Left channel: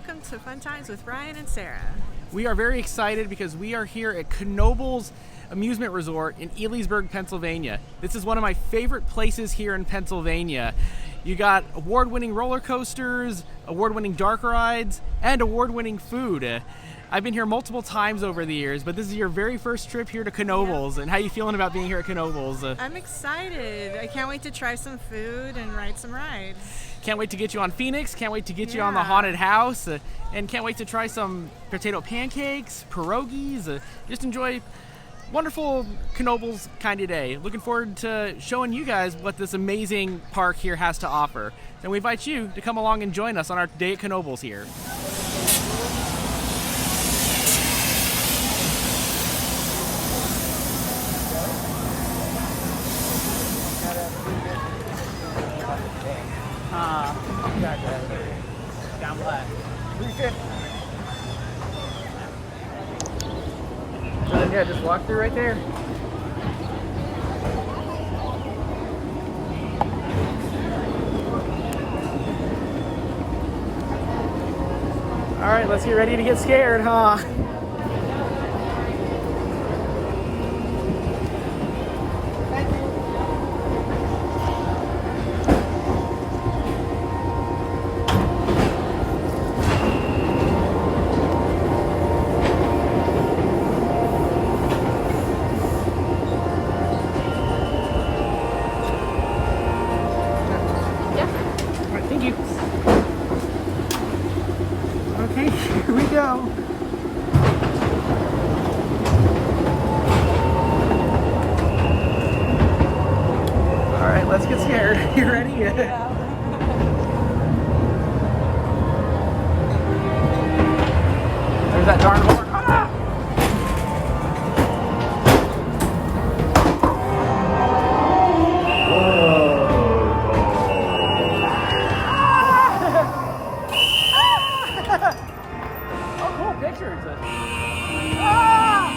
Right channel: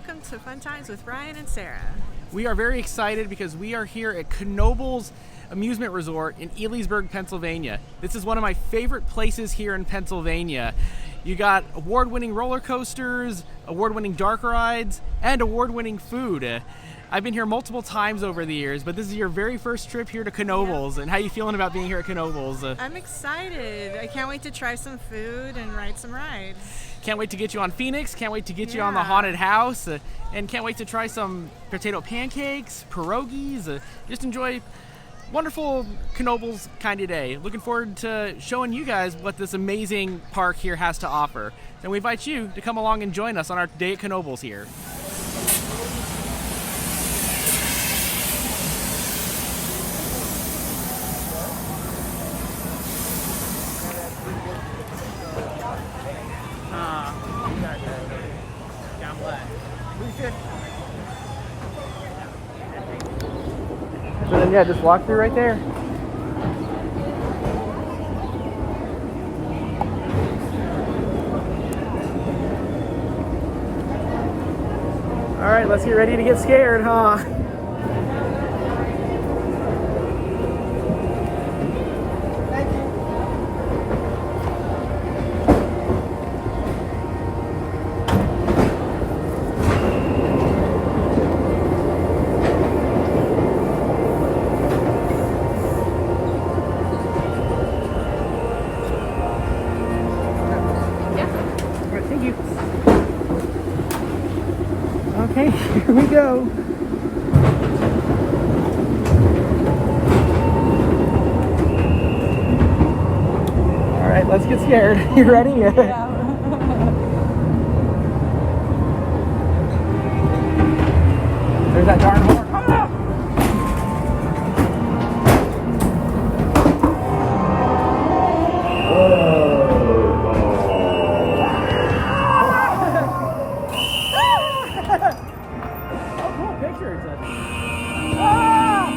welcome to Fun Times with Ryan and Sarah. We are very excited because we are here at Knoebels Amusement Resort in Elysburg, Pennsylvania. This is one of my favorite places here in Pennsylvania. You got award-winning roller coasters, award-winning dark rides, and award-winning food. I've been here multiple times over the years, but this is your very first trip here to Knoebels. And how are you feeling about being here at Knoebels? I'm excited. I can't wait to try some food and ride some rides. Can't wait to get you on Phoenix, can't wait to get you on the haunted house, and can't wait to try some potato pancakes, pierogies, just enjoy wonderful Knoebels kind of day. Looking forward to showing you guys what this amazing park here has to offer. And we invite you to come along and join us on our day at Knoebels here. So then, yeah, just walk through right there. All right, let's get ready to get scared, huh? Thank you. Okay, here we go. All right, let's get scared. You ready? Yeah. There's that darn horn. Ah! Oh, cool pictures. Ah!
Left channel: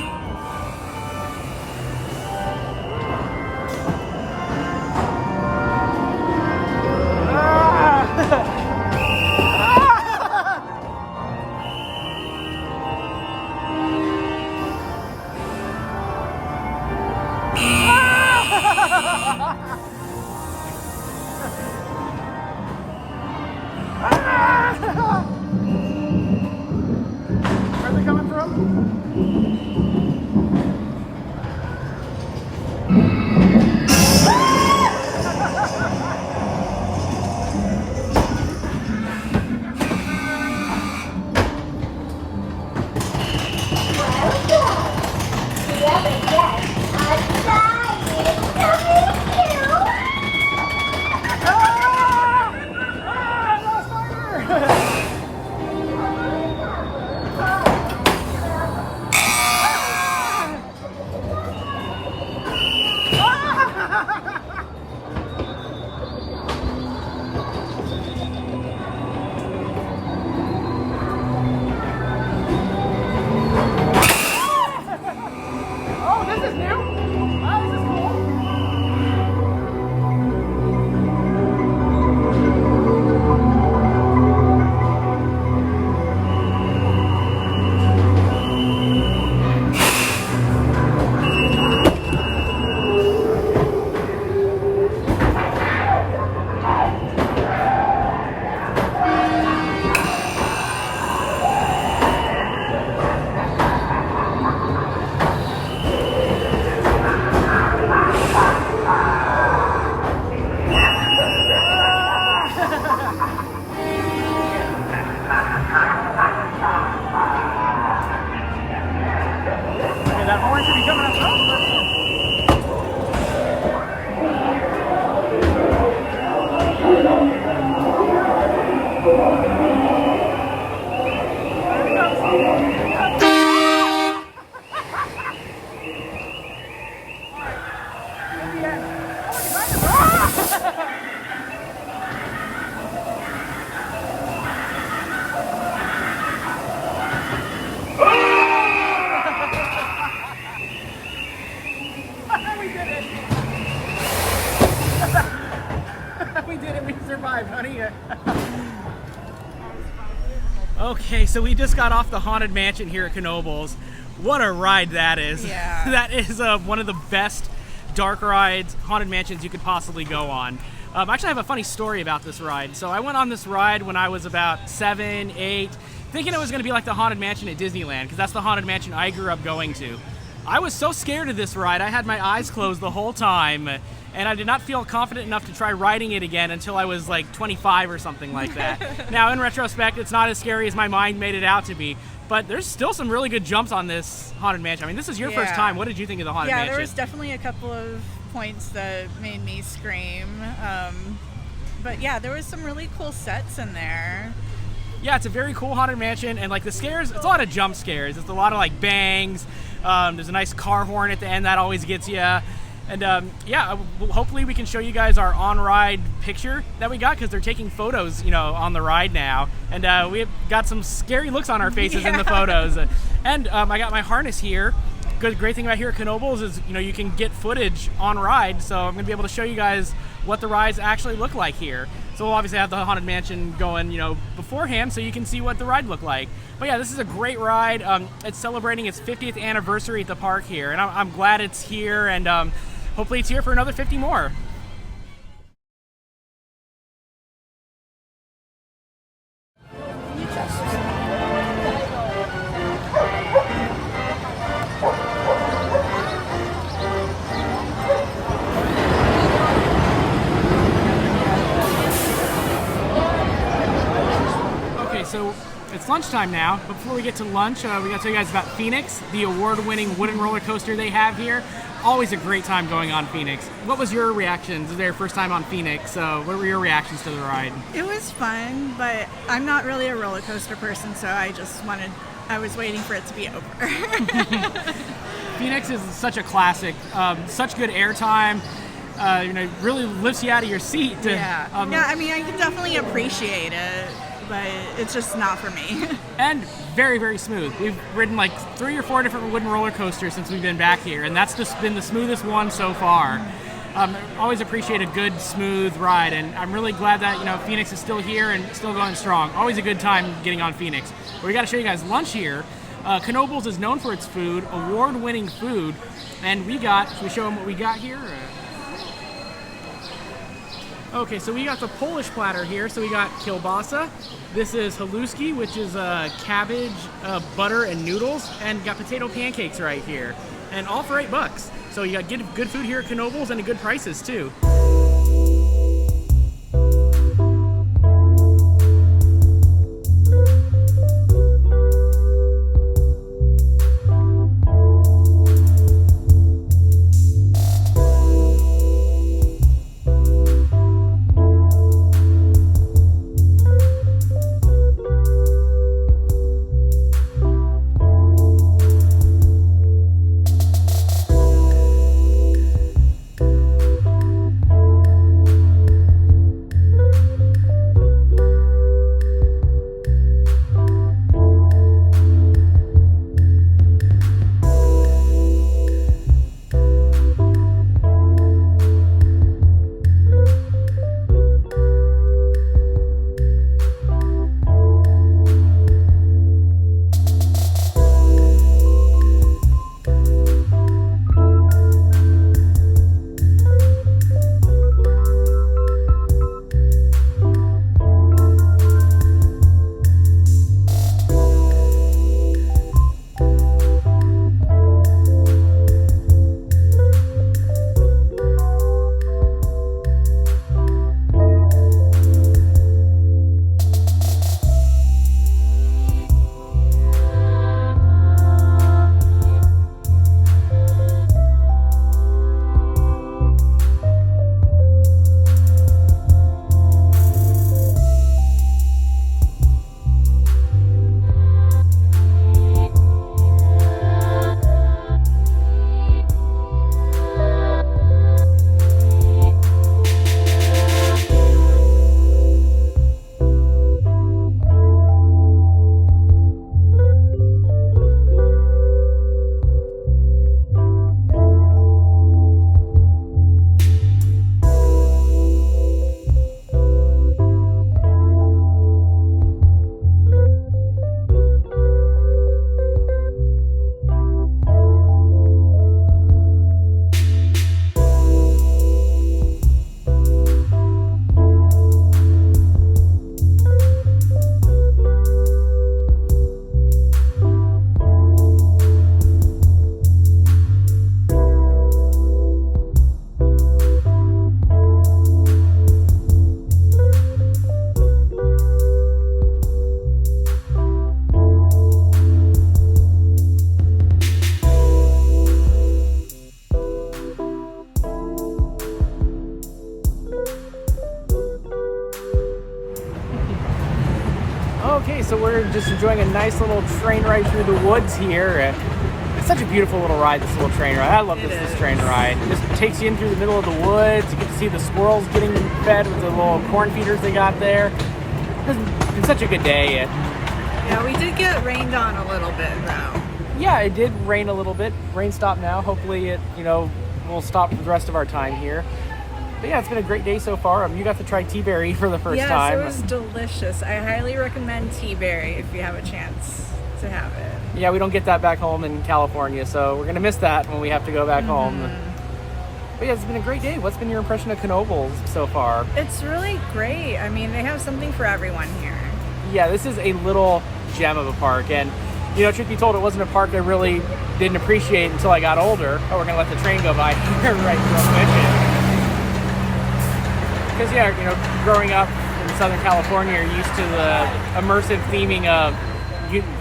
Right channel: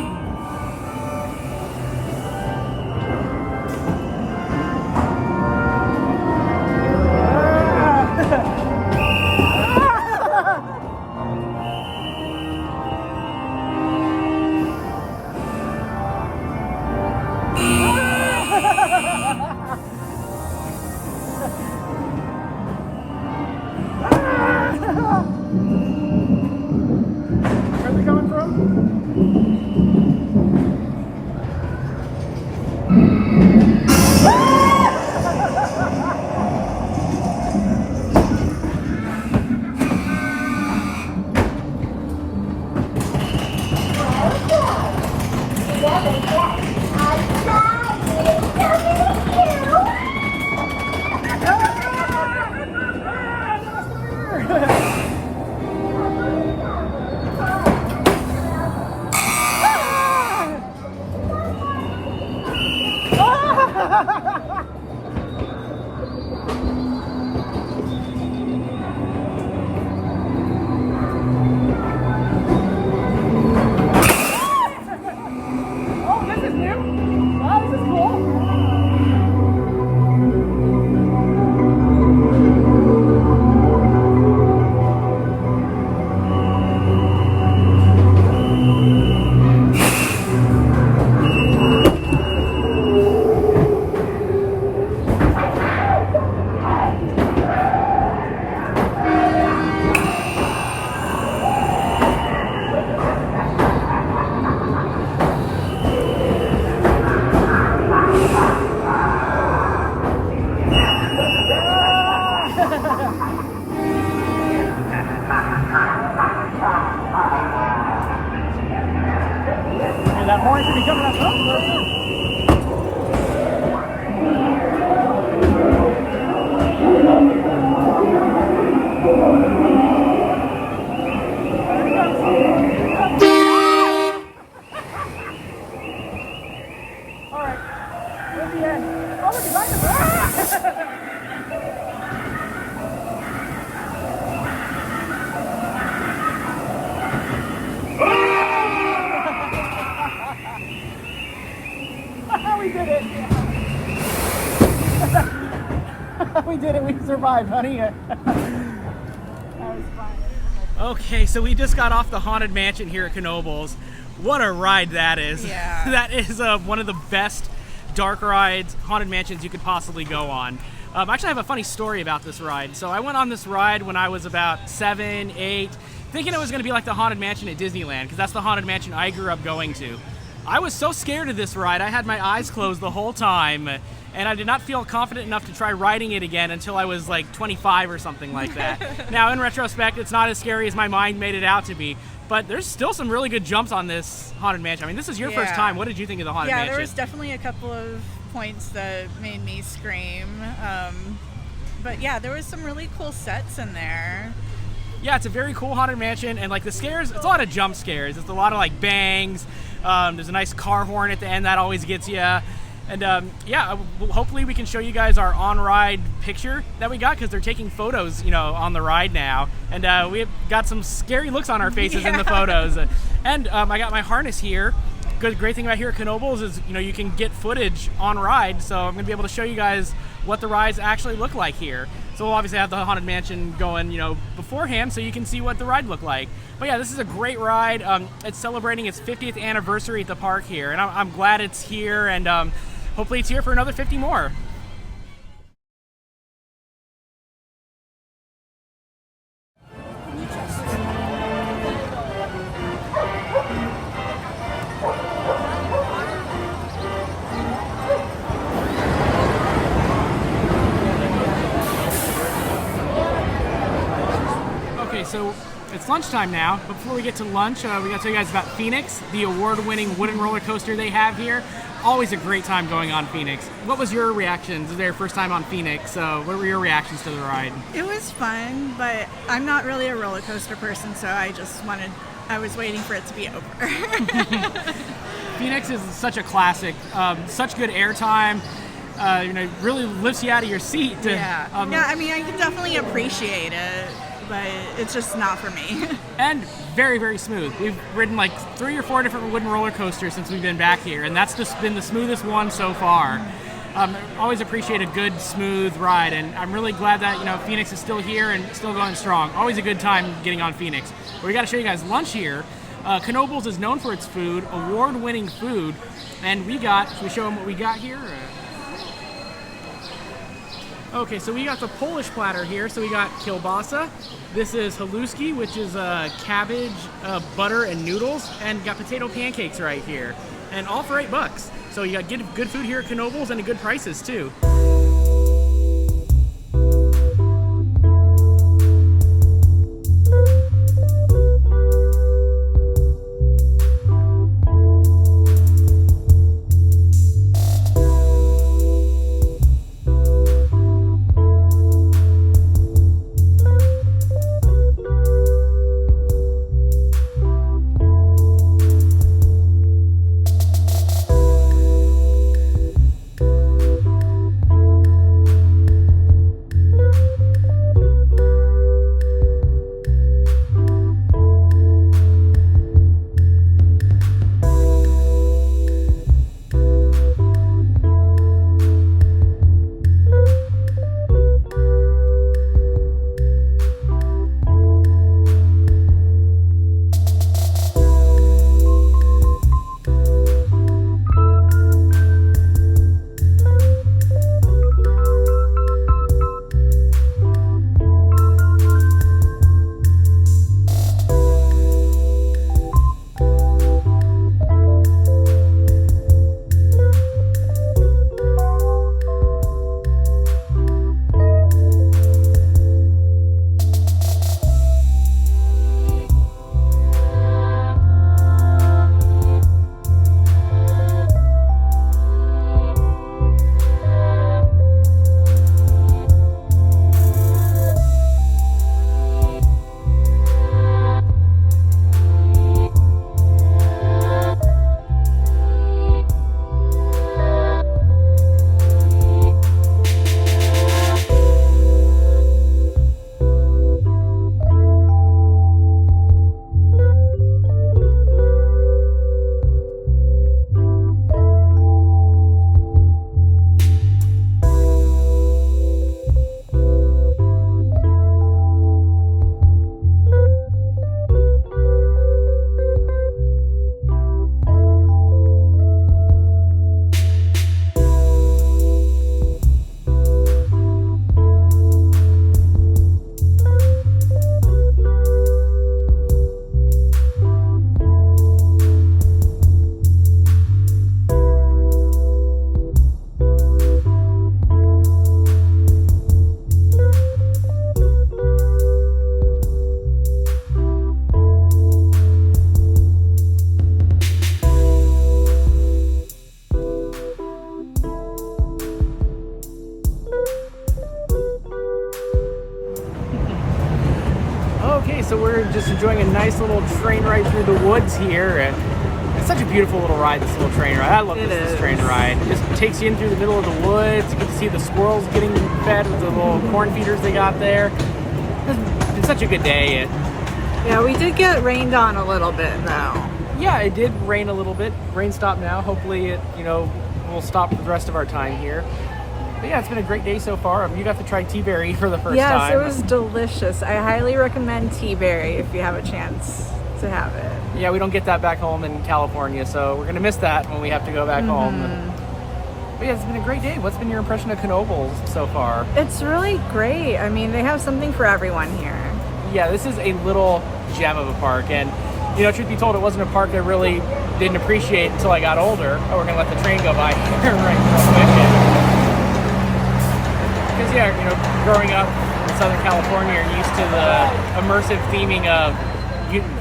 Where's it coming from? Oh, this is new. Wow, this is cool. That horn should be coming up. There he comes. All right. At the end. Oh, look, behind him. We did it! We did it, we survived, honey. That was fun. Okay, so we just got off the Haunted Mansion here at Knoebels. What a ride that is. Yeah. That is one of the best dark rides, Haunted Mansions you could possibly go on. Actually, I have a funny story about this ride. So I went on this ride when I was about 7, 8, thinking it was going to be like the Haunted Mansion at Disneyland, because that's the Haunted Mansion I grew up going to. I was so scared of this ride, I had my eyes closed the whole time, and I did not feel confident enough to try riding it again until I was like 25 or something like that. Now, in retrospect, it's not as scary as my mind made it out to be, but there's still some really good jumps on this Haunted Mansion. I mean, this is your first time. What did you think of the Haunted Mansion? Yeah, there was definitely a couple of points that made me scream. But yeah, there was some really cool sets in there. Yeah, it's a very cool Haunted Mansion, and like the scares, it's a lot of jump scares. It's a lot of like bangs. There's a nice car horn at the end that always gets you. And yeah, hopefully we can show you guys our on-ride picture that we got, because they're taking photos, on the ride now. And we've got some scary looks on our faces in the photos. And I got my harness here. Great thing about here at Knoebels is, you can get footage on ride. So I'm gonna be able to show you guys what the rides actually look like here. So we'll obviously have the Haunted Mansion going, beforehand, so you can see what the ride looked like. But yeah, this is a great ride. It's celebrating its 50th anniversary at the park here, and I'm glad it's here, and hopefully it's here for another 50 more. Okay, so it's lunchtime now. But before we get to lunch, we got to tell you guys about Phoenix, the award-winning wooden roller coaster they have here. Always a great time going on Phoenix. What was your reactions? This is your first time on Phoenix, so what were your reactions to the ride? It was fun, but I'm not really a roller coaster person, so I was waiting for it to be over. Phoenix is such a classic, such good airtime. Really lifts you out of your seat. Yeah, I mean, I can definitely appreciate it, but it's just not for me. And very, very smooth. We've ridden like 3 or 4 different wooden roller coasters since we've been back here, and that's just been the smoothest one so far. Always appreciate a good, smooth ride, and I'm really glad that Phoenix is still here and still going strong. Always a good time getting on Phoenix. But we got to show you guys lunch here. Knoebels is known for its food, award-winning food, and should we show them what we got here? Okay, so we got the Polish platter here. So we got kielbasa. This is haluski, which is cabbage, butter, and noodles. And got potato pancakes right here. And all for $8. So you got good food here at Knoebels and good prices too. Okay, so we're just enjoying a nice little train ride through the woods here. It's such a beautiful little ride, this little train ride. I love this train ride. It just takes you in through the middle of the woods. You get to see the squirrels getting fed with the little corn feeders they got there. It's been such a good day. Yeah, we did get rained on a little bit though. Yeah, it did rain a little bit. Rain stopped now. Hopefully it, will stop for the rest of our time here. But yeah, it's been a great day so far. You got to try tea berry for the first time. Yes, it was delicious. I highly recommend tea berry if you have a chance to have it. Yeah, we don't get that back home in California, so we're going to miss that when we have to go back home. But yeah, it's been a great day. What's been your impression of Knoebels so far? It's really great. I mean, they have something for everyone here. Yeah, this is a little gem of a park. And, truth be told, it wasn't a park I really didn't appreciate until I got older. Oh, we're going to let the train go by here right real quick. Because, growing up in Southern California, you're used to the immersive theming of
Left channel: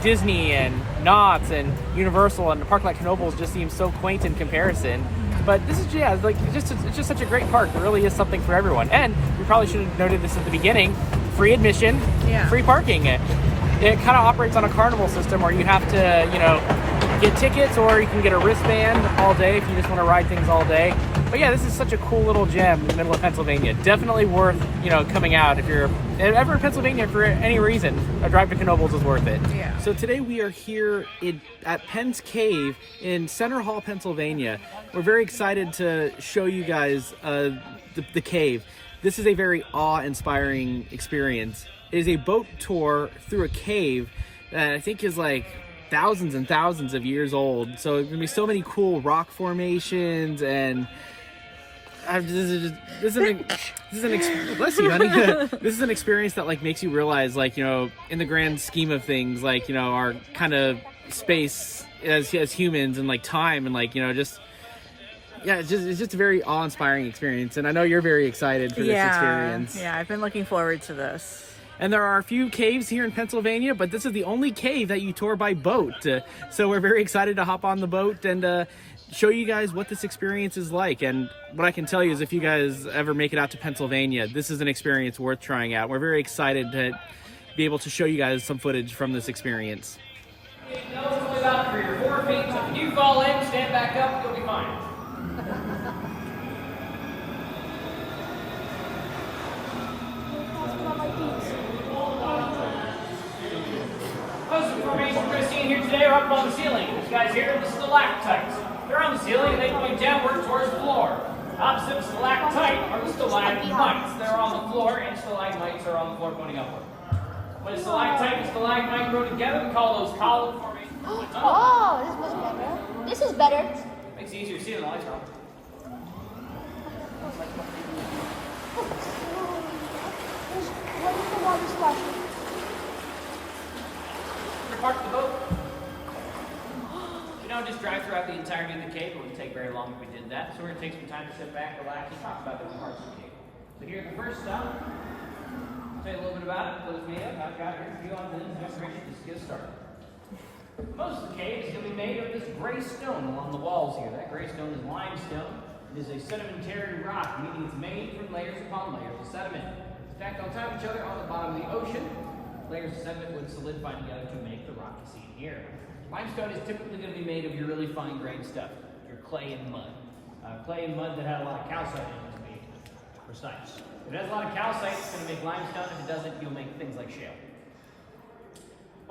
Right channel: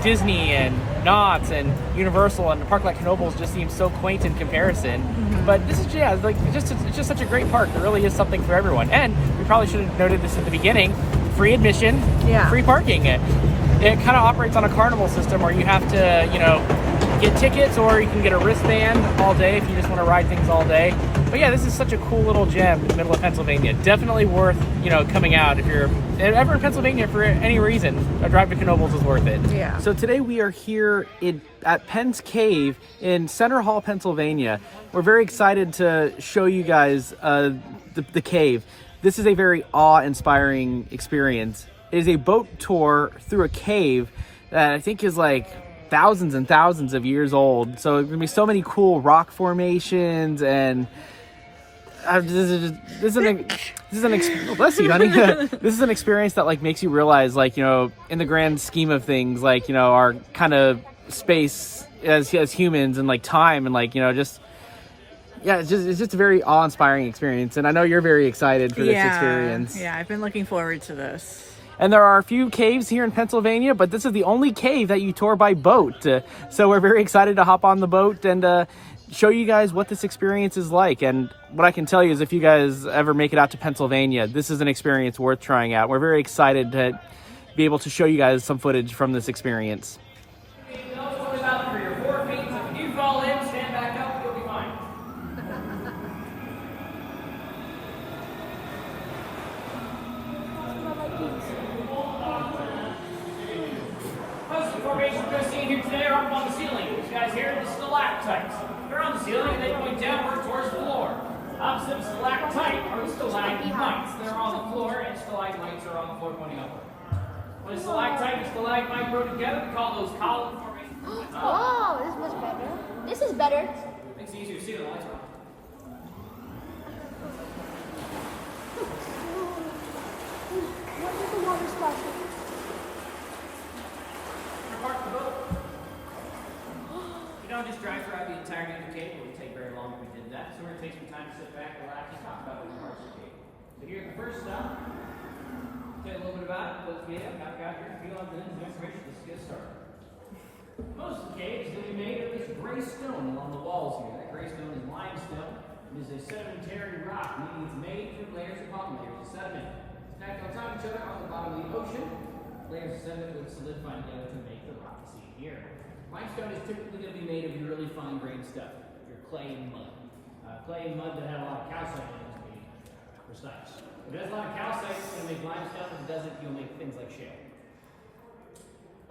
Disney and Knott's and Universal, and a park like Knoebels just seems so quaint in comparison. But this is, it's just such a great park. There really is something for everyone. And we probably should have noted this at the beginning. Free admission, free parking. It kind of operates on a carnival system where you have to, get tickets, or you can get a wristband all day if you just want to ride things all day. But yeah, this is such a cool little gem in the middle of Pennsylvania. Definitely worth, coming out if you're ever in Pennsylvania for any reason. A drive to Knoebels is worth it. Yeah. So today we are here at Penn's Cave in Center Hall, Pennsylvania. We're very excited to show you guys the cave. This is a very awe-inspiring experience. It is a boat tour through a cave that I think is like thousands and thousands of years old. So there's gonna be so many cool rock formations, and this is an experience that makes you realize in the grand scheme of things our kind of space as humans and time and it's just a very awe-inspiring experience, and I know you're very excited for this experience. Yeah, I've been looking forward to this. And there are a few caves here in Pennsylvania, but this is the only cave that you tour by boat. So we're very excited to hop on the boat and show you guys what this experience is like. And what I can tell you is if you guys ever make it out to Pennsylvania, this is an experience worth trying out. We're very excited to be able to show you guys some footage from this experience. Don't worry about it for your 4 feet. So if you fall in, stand back up, you'll be fine. Most of the formations we're going to see in here today are up on the ceiling. These guys here are the stalactites. They're on the ceiling and they point downward towards the floor. Opposite of stalactite are the stalagmites. They're on the floor, and stalagmites are on the floor pointing upward. When a stalactite and stalagmite grow together, we call those column formations. Oh, this is better. Makes it easier to see when the lights are on. Park the boat. You don't just drive throughout the entirety of the cave. It wouldn't take very long if we did that. So we're going to take some time to sit back, relax, and talk about the parts of the cave. So here's the first stone. Say a little bit about it. Those of you I've got here, feel on this demonstration. Just get started. Most of the cave is going to be made of this gray stone along the walls here. That gray stone is limestone. It is a sedimentary rock, meaning it's made from layers upon layers of sediment. Stacked on top of each other on the bottom of the ocean. Layers of sediment would solidify together to make the rock you see here. Limestone is typically going to be made of your really fine-grained stuff, your clay and mud. Clay and mud that had a lot of calcite in it, to be precise. If it has a lot of calcite, it's going to make limestone. If it doesn't, you'll make things like shale.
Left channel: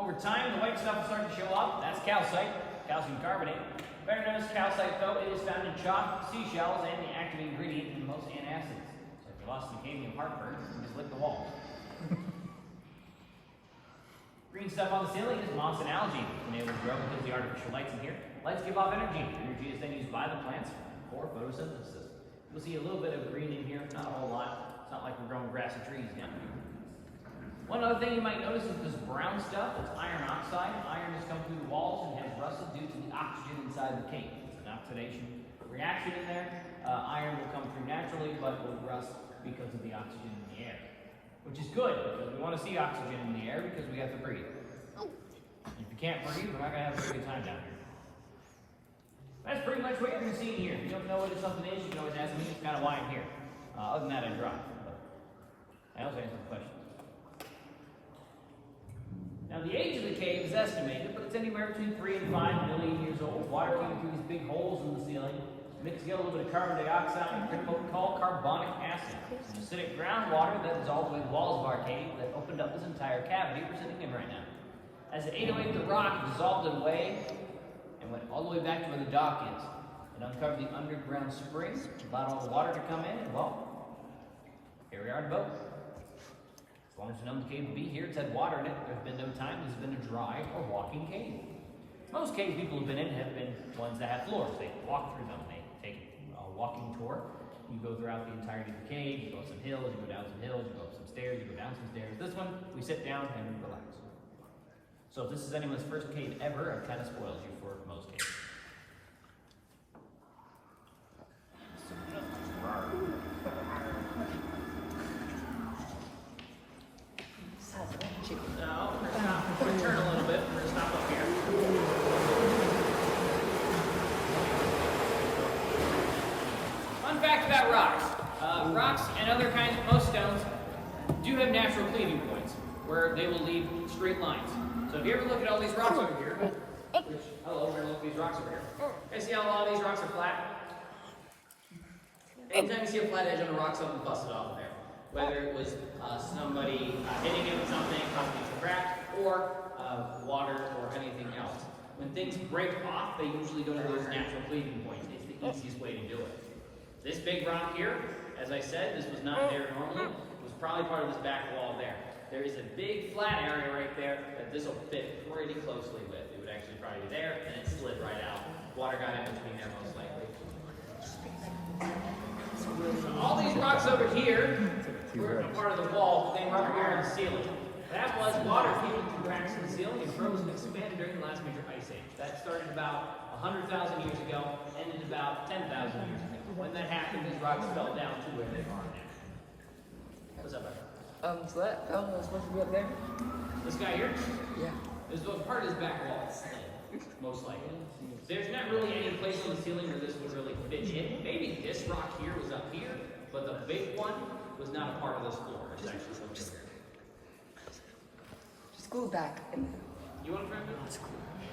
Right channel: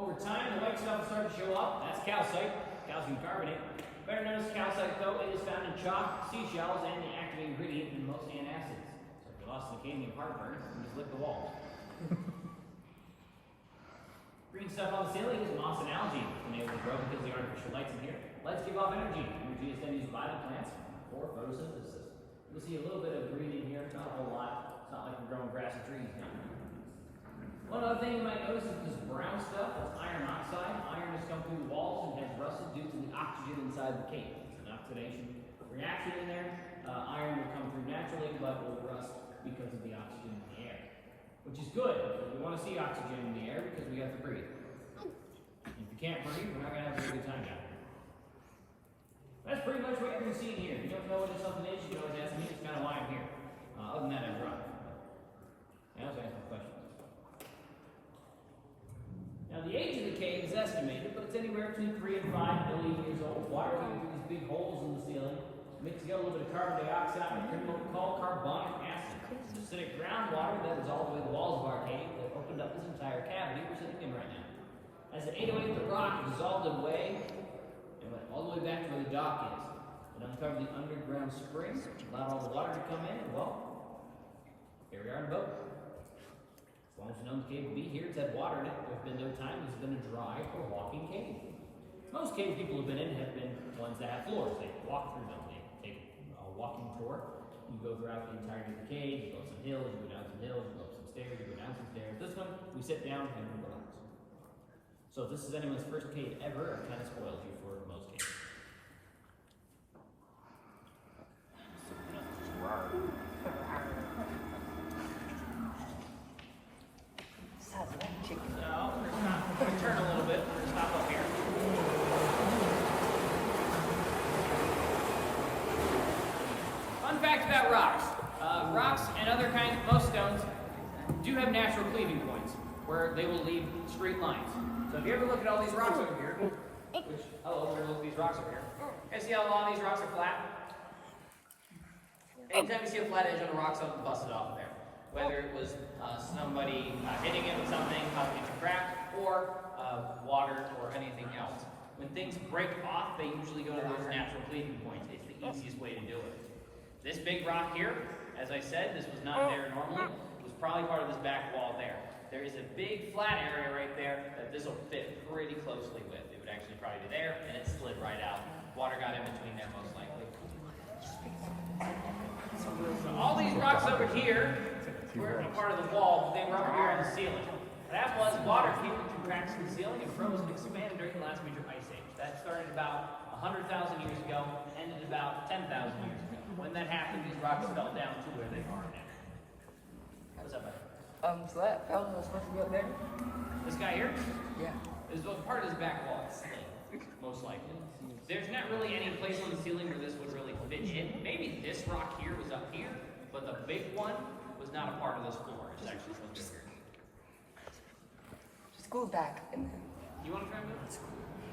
Over time, the white stuff will start to show up. That's calcite, calcium carbonate. Better known as calcite, though, it is found in chalk, seashells, and the active ingredient in most antacids. So if you're lost in the cave and you have heartburn, you just lick the walls. Green stuff on the ceiling is moss and algae. It's been able to grow because of the artificial lights in here. Lights give off energy. Energy is then used by the plants for photosynthesis. You'll see a little bit of green in here, not a whole lot. It's not like we're growing grassy trees down here. One other thing you might notice is this brown stuff. It's iron oxide. Iron has come through the walls and has rusted due to the oxygen inside the cave. It's an oxidation reaction in there. Iron will come through naturally, but will rust because of the oxygen in the air. Which is good, because we want to see oxygen in the air because we have to breathe. If you can't breathe, we're not going to have a good time down here. That's pretty much what you're going to see in here. If you don't know what something is, you can always ask me. It's kind of why I'm here. Other than that, I drive. I also answer questions. cave is estimated, but it's anywhere between 3 and 5 million years old. Water came through these big holes in the ceiling, mixed together a little bit of carbon dioxide and what we call carbonic acid. It's acidic groundwater that dissolved away the walls of our cave that opened up this entire cavity we're sitting in right now. As it ate away the rock, it dissolved it away and went all the way back to where the dock is. It uncovered the underground springs, allowed all the water to come in, and well, here we are in a boat. As long as you know the cave will be here, it's had water in it. There's been no time it's been a dry or walking cave. Most cave people who've been in have been ones that have floors. They walk through them. They take a walking tour. You go throughout the entirety of the cave. You go up some hills. You go down some hills. You go up some stairs. You go down some stairs. This one, we sit down and we relax. So if this is anyone's first cave ever, it kind of spoils you for most caves. Turn a little bit. We're gonna stop up here. Fun fact about rocks. Rocks and other kinds, most stones, do have natural cleaving points where they will leave straight lines. So if you ever look at all these rocks over here, which, hello, we're gonna look at these rocks over here. You guys see how all these rocks are flat? Anytime you see a flat edge on a rock, something busted off there. Whether it was somebody hitting it with something, causing it to crack, or water or anything else. When things break off, they usually go to those natural cleaving points. It's the easiest way to do it. This big rock here, as I said, this was not there normally. It was probably part of this back wall there. There is a big flat area right there that this will fit pretty closely with. It would actually probably be there, and it slid right out. Water got in between there most likely. So all these rocks over here were a part of the wall. They were over here on the ceiling. That was water came through cracks in the ceiling and froze and expanded during the last major ice age. That started about 100,000 years ago, ended about 10,000 years ago. When that happened, these rocks fell down to where they are now. What's up, buddy? So that fountain was supposed to be up there? This guy here? Yeah. Is part of his back wall, most likely. There's not really any place on the ceiling where this would really fit in. Maybe this rock here was up here, but the big one was not a part of this floor. It's actually just go back. You want to try it?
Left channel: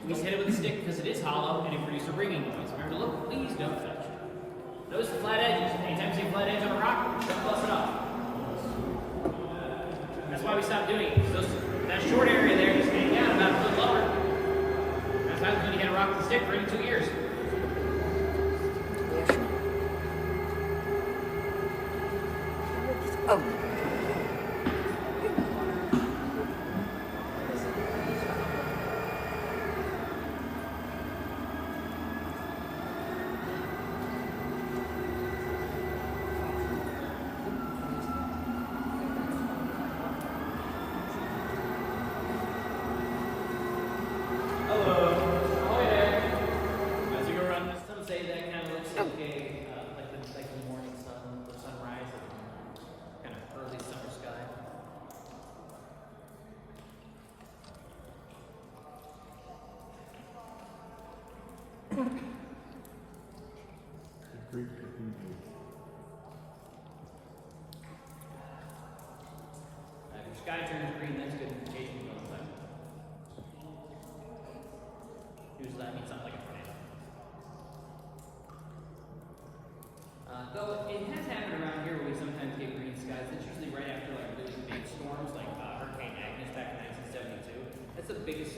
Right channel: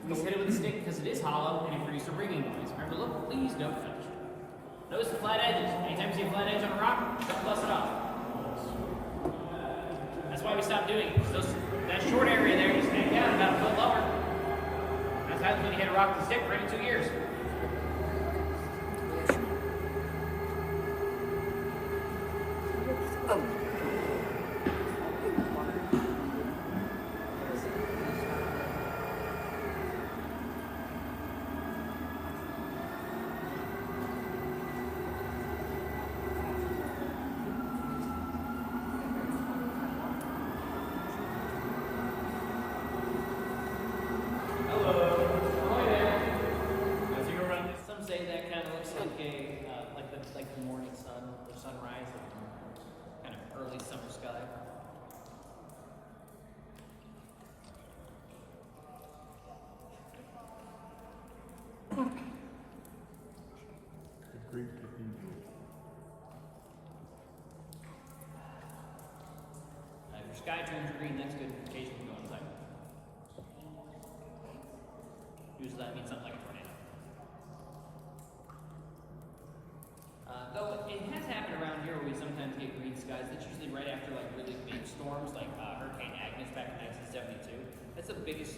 We just hit it with a stick because it is hollow and it produces a ringing noise. Remember, look, please don't touch. Notice the flat edges. Anytime you see a flat edge on a rock, don't bust it off. That's why we stopped doing it. That short area there, you stand down about a foot lower. That's how when you hit a rock with a stick for every 2 years. Oh. If your sky turns green, that's good for case we go left. Usually that means something like a tornado. Though it has happened around here where we sometimes get green skies. That's usually right after like really big storms like Hurricane Agnes back in 1972. That's the biggest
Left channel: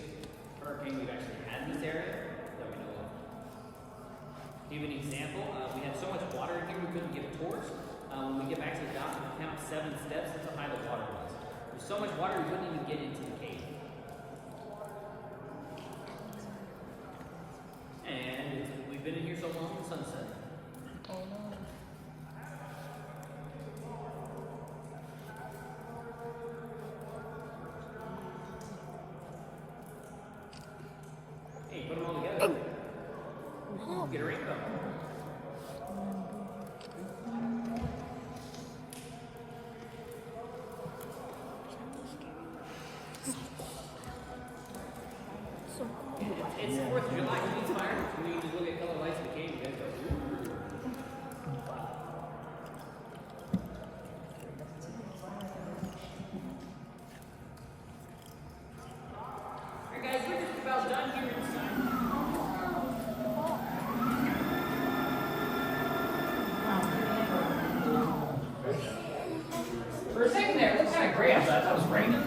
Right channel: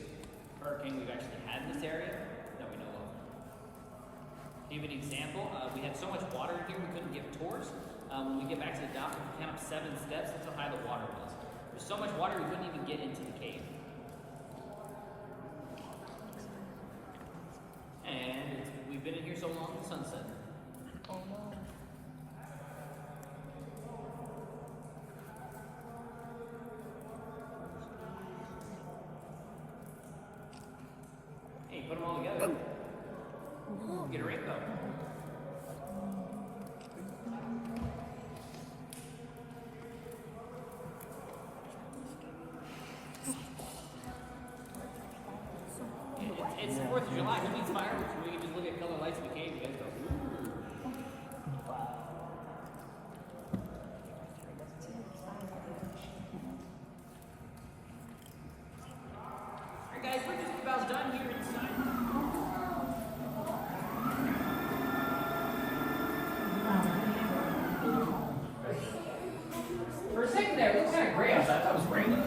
hurricane we've actually had in this area that we know of. To give you an example, we had so much water in here we couldn't give tours. When we get back to the dock, we count 7 steps. That's how high the water was. There's so much water we couldn't even get into the cave. And we've been in here so long, the sun's setting. Hey, put them all together. Get a ring card. guys, we're just about done here in Steve. For a second there, it looked kind of gray. I thought that was raining.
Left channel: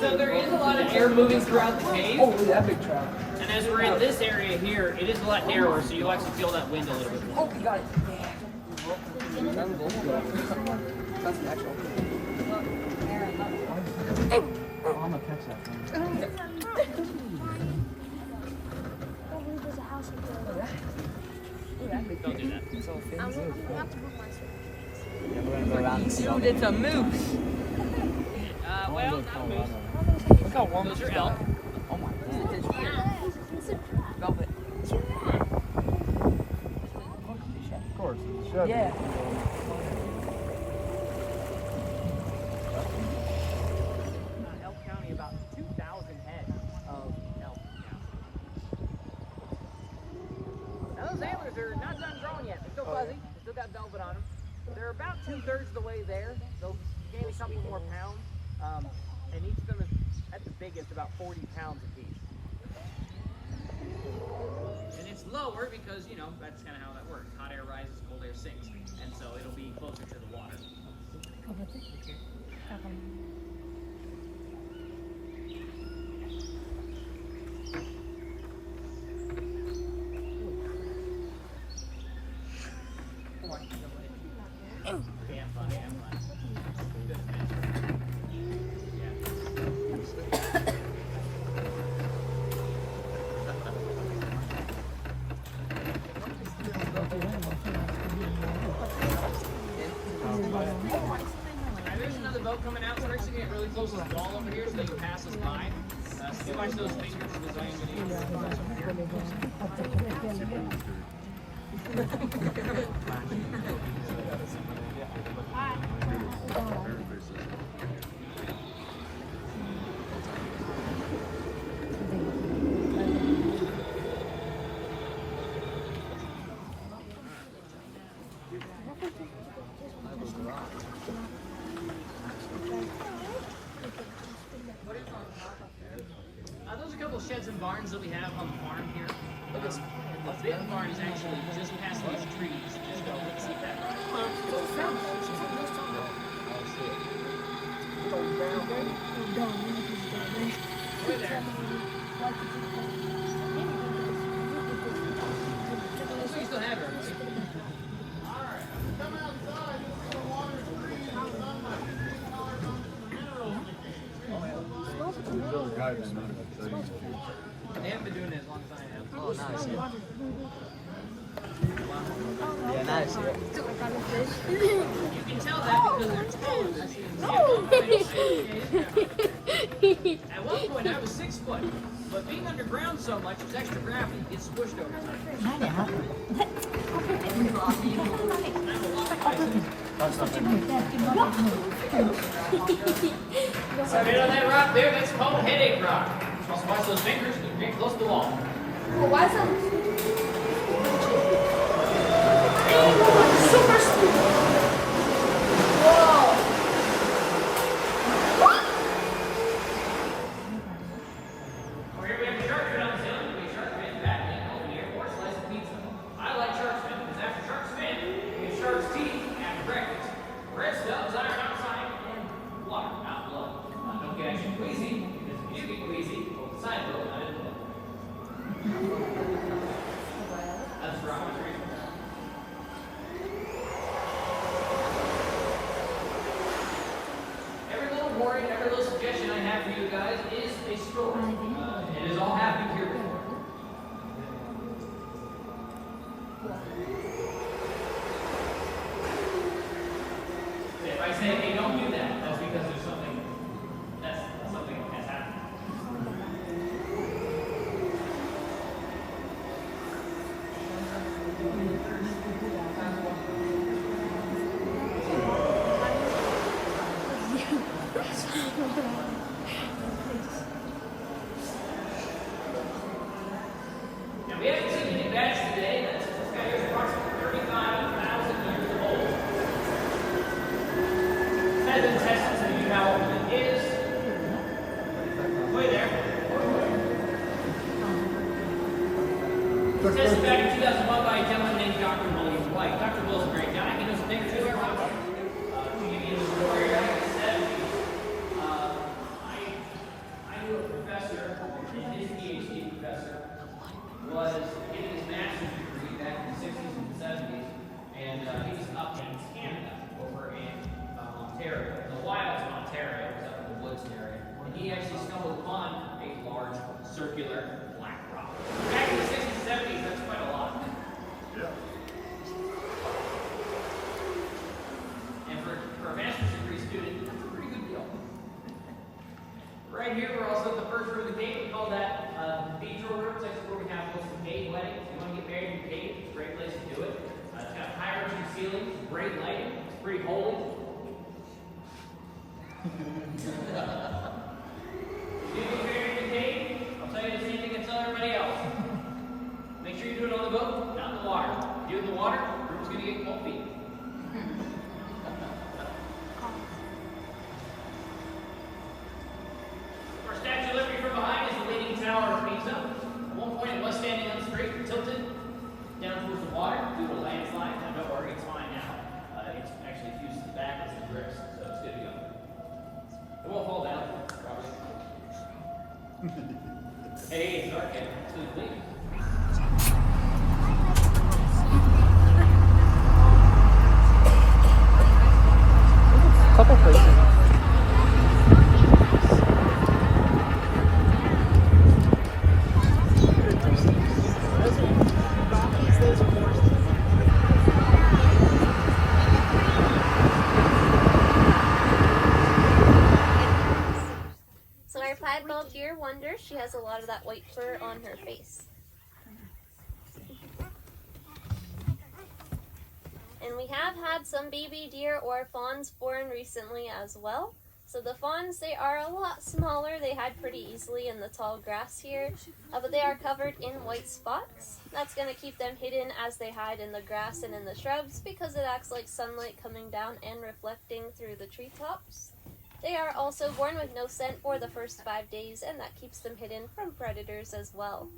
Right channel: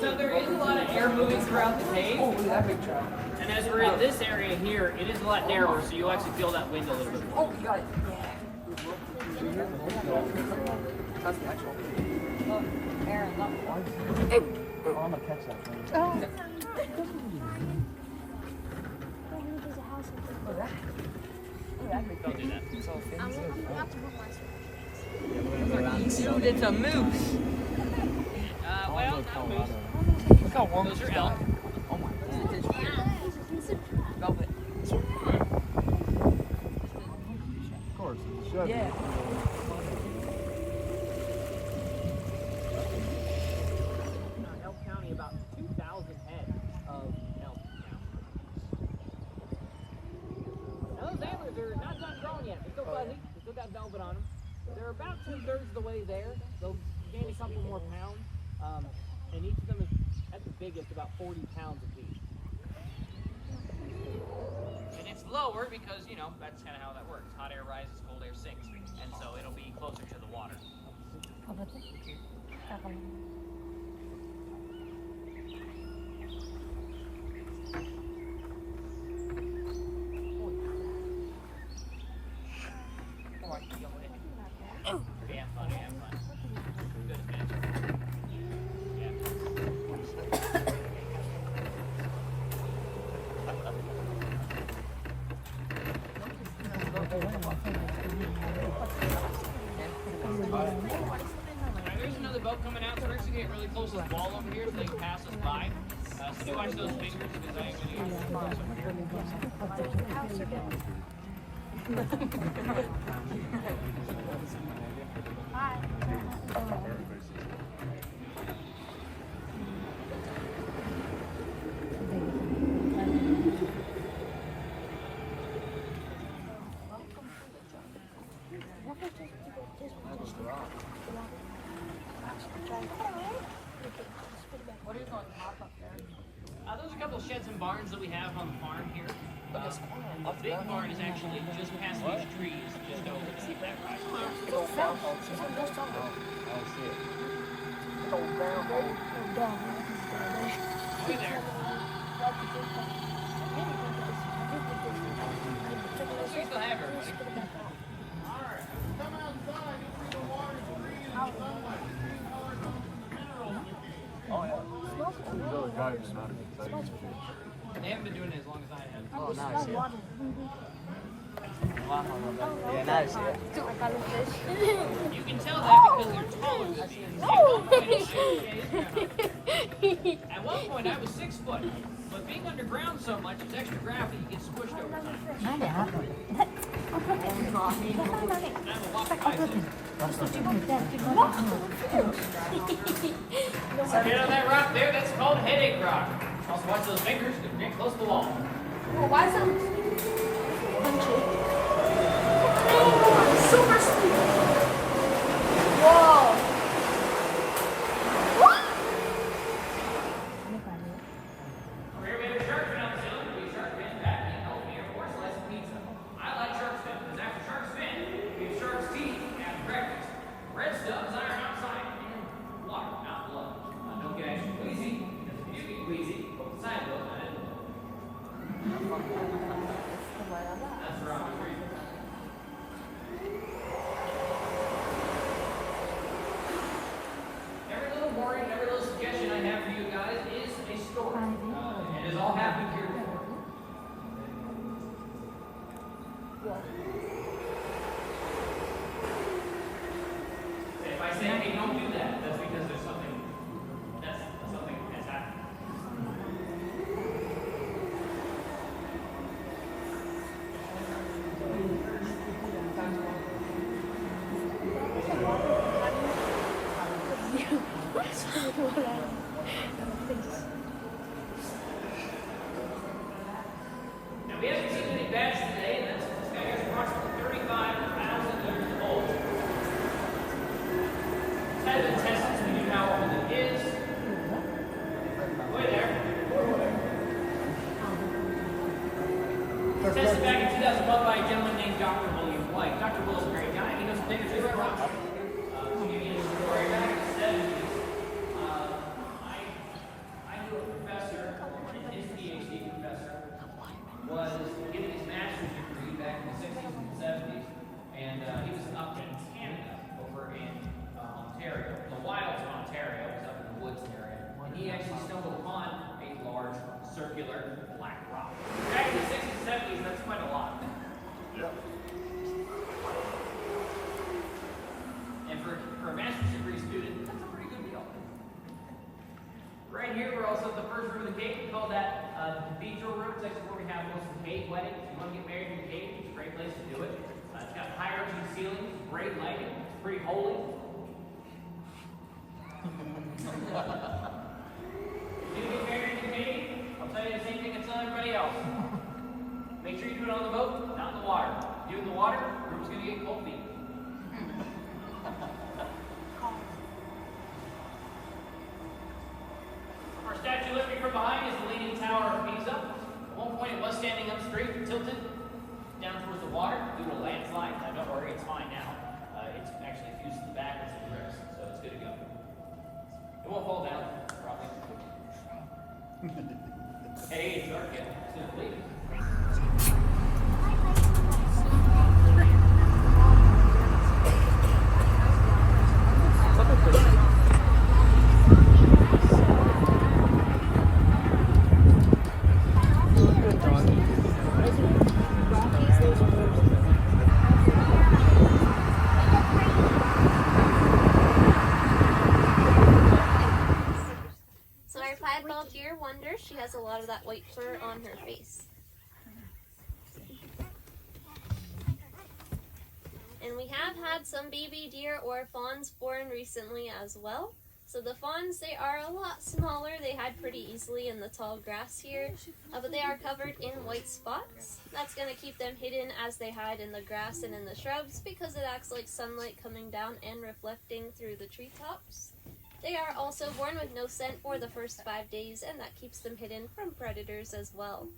So there is a lot of air moving throughout the cave. Oh, that big truck. And as we're in this area here, it is a lot narrower, so you'll actually feel that wind a little bit more. Oh, you got it. Yeah. That's the actual. Hey. I'm gonna catch that thing. Don't do that. Dude, it's a moose. Well, not a moose. Look how warm Those this are is. elk. Oh my god. It's here. Velvet. Of course. It should. Yeah. Elk County, about 2,000 head of elk. Now those antlers are not done growing yet. They're still fuzzy. They still got velvet on them. They're about 2/3 of the way there. They'll gain something more pound. And each of them is at the biggest about 40 pounds apiece. And it's lower because, you know, that's kind of how that works. Hot air rises, cold air sinks. And so it'll be closer to the water. There's another boat coming out. We're actually getting really close to the wall over here so they can pass us by. See why those those are a couple of sheds and barns that we have on the farm here. But this big barn is actually just past these trees. Just don't see that. Right there. So you still have her. They haven't been doing it as long as I have. Yeah, nice. You can tell that because of the taller. At one point I was 6 foot, but being underground so much, it's extra gravity gets squished over time. Right on that rock there, that's called headache rock. Just watch those fingers, they're getting close to the wall. Over here we have a shark fin on the ceiling. We have shark fin, Batman, Elfie, or slice of pizza. I like shark's fin because after shark's fin, we have shark's teeth after breakfast. Red stubs, iron outside, and water, not blood. Don't get extra queasy, because if you get queasy, both sides of it, I didn't know. were tested back in 2001 by a gentleman named Dr. William White. Dr. Will's a great guy. He knows a thing or two about to give you the story back in the 70s. I knew a professor, and his PhD professor was getting his master's degree back in the 60s and 70s, and he was up in Canada, over in Ontario, the wilds of Ontario, it was up in the woods area, and he actually stumbled upon a large circular black rock. Back in the 60s and 70s, that's quite a lot. And for a master's degree student, that's a pretty good deal. Right here, we're also at the first room of the cave. We call that the cathedral room. It's actually where we have most of the cave weddings. If you want to get married in the cave, it's a great place to do it. It's got high-arching ceiling, great lighting. It's pretty holy. If you get married in the cave, I'll tell you the same thing I tell everybody else. Make sure you do it on the boat, not in the water. If you do it in the water, the room's going to get cold feet. Our Statue of Liberty from behind is the Leaning Tower of Pisa. At one point, it was standing on the street, tilted down towards the water due to a landslide. Now, don't worry, it's fine now. It's actually fused to the back as a bricks, so it's good to go. It won't fall down, probably. Hey, it's dark in. It's going to bleed. Couple places. So our piebald deer wonder, she has a lot of that white fur on her face. And we have had some baby deer or fawns born recently as well. So the fawns, they are a lot smaller. They hide pretty easily in the tall grass here, but they are covered in white spots. That's going to keep them hidden as they hide in the grass and in the shrubs because it acts like sunlight coming down and reflecting through the treetops. They are also born with no scent for the first 5 days, and that keeps them hidden from predators as well.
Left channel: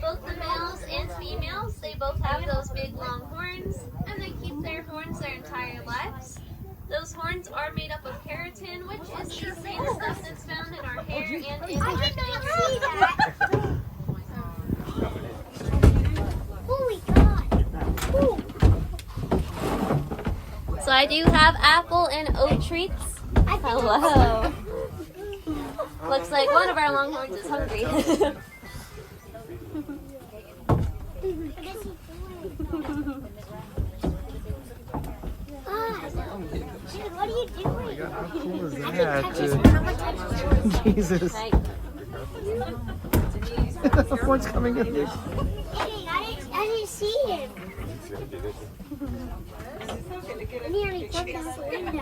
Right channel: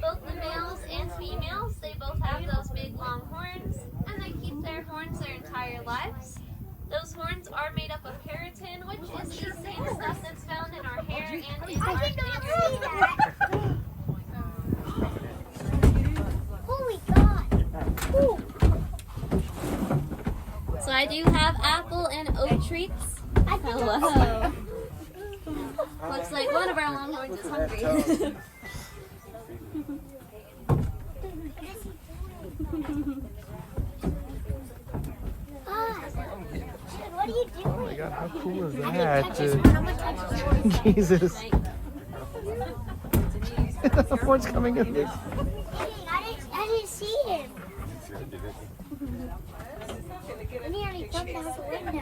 Both the males and females, they both have those big long horns, and they keep their horns their entire lives. Those horns are made up of keratin, which is the same stuff that's found in our hair and in our skin. Holy God! Ooh. So I do have apple and oat treats. Hello. Looks like one of our longhorns is hungry. Dude, what are you doing? Jesus. Right. The horn's coming in. Dang, I didn't see him. I nearly jumped out the window.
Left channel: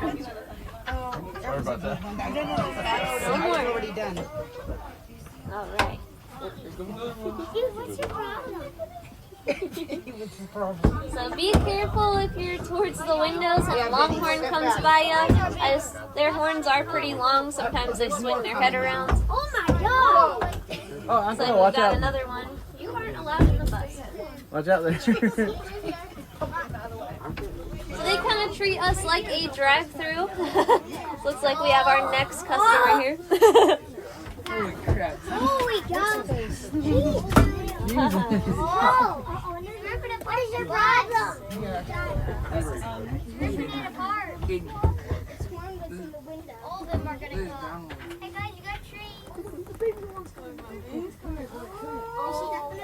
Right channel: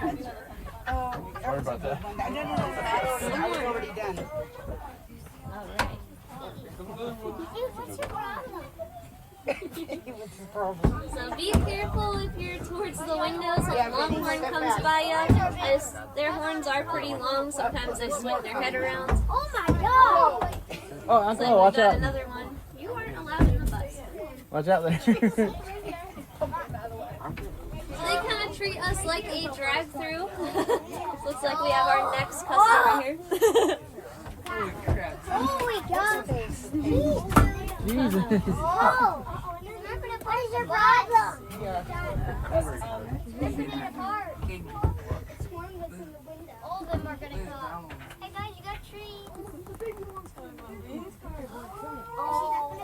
Sorry about that. One more. Already done. All right. Dude, what's your problem? So be careful if you're towards the windows when a longhorn comes by you, as their horns are pretty long. Sometimes they swing their head around. Oh my god! Oh, So Uncle, we watch got out. another one. You aren't allowed in the bus. Watch out there. So they kind of treat us like a drive-through. Looks like we have our next customer here. Holy cow! Oh! What is your problem? All of them are gonna go. Hey guys, you got trees.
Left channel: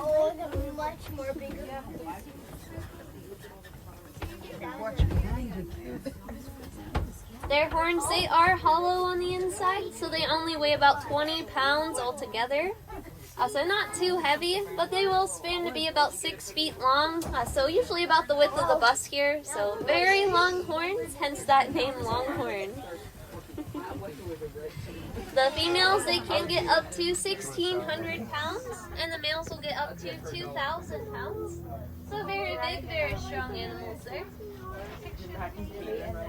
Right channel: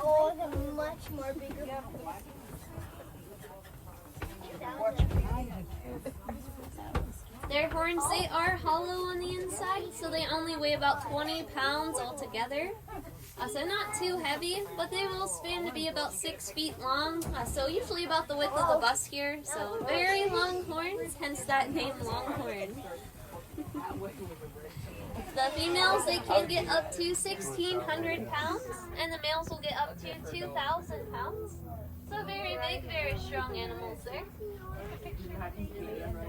Oh, they're much more bigger. Their horns, they are hollow on the inside, so they only weigh about 20 pounds altogether. So not too heavy, but they will span to be about 6 feet long, so usually about the width of the bus here. So very long horns, hence that name Longhorn. The females, they can get up to 1,600 pounds, and the males will get up to 2,000 pounds. So very big, very strong animals there.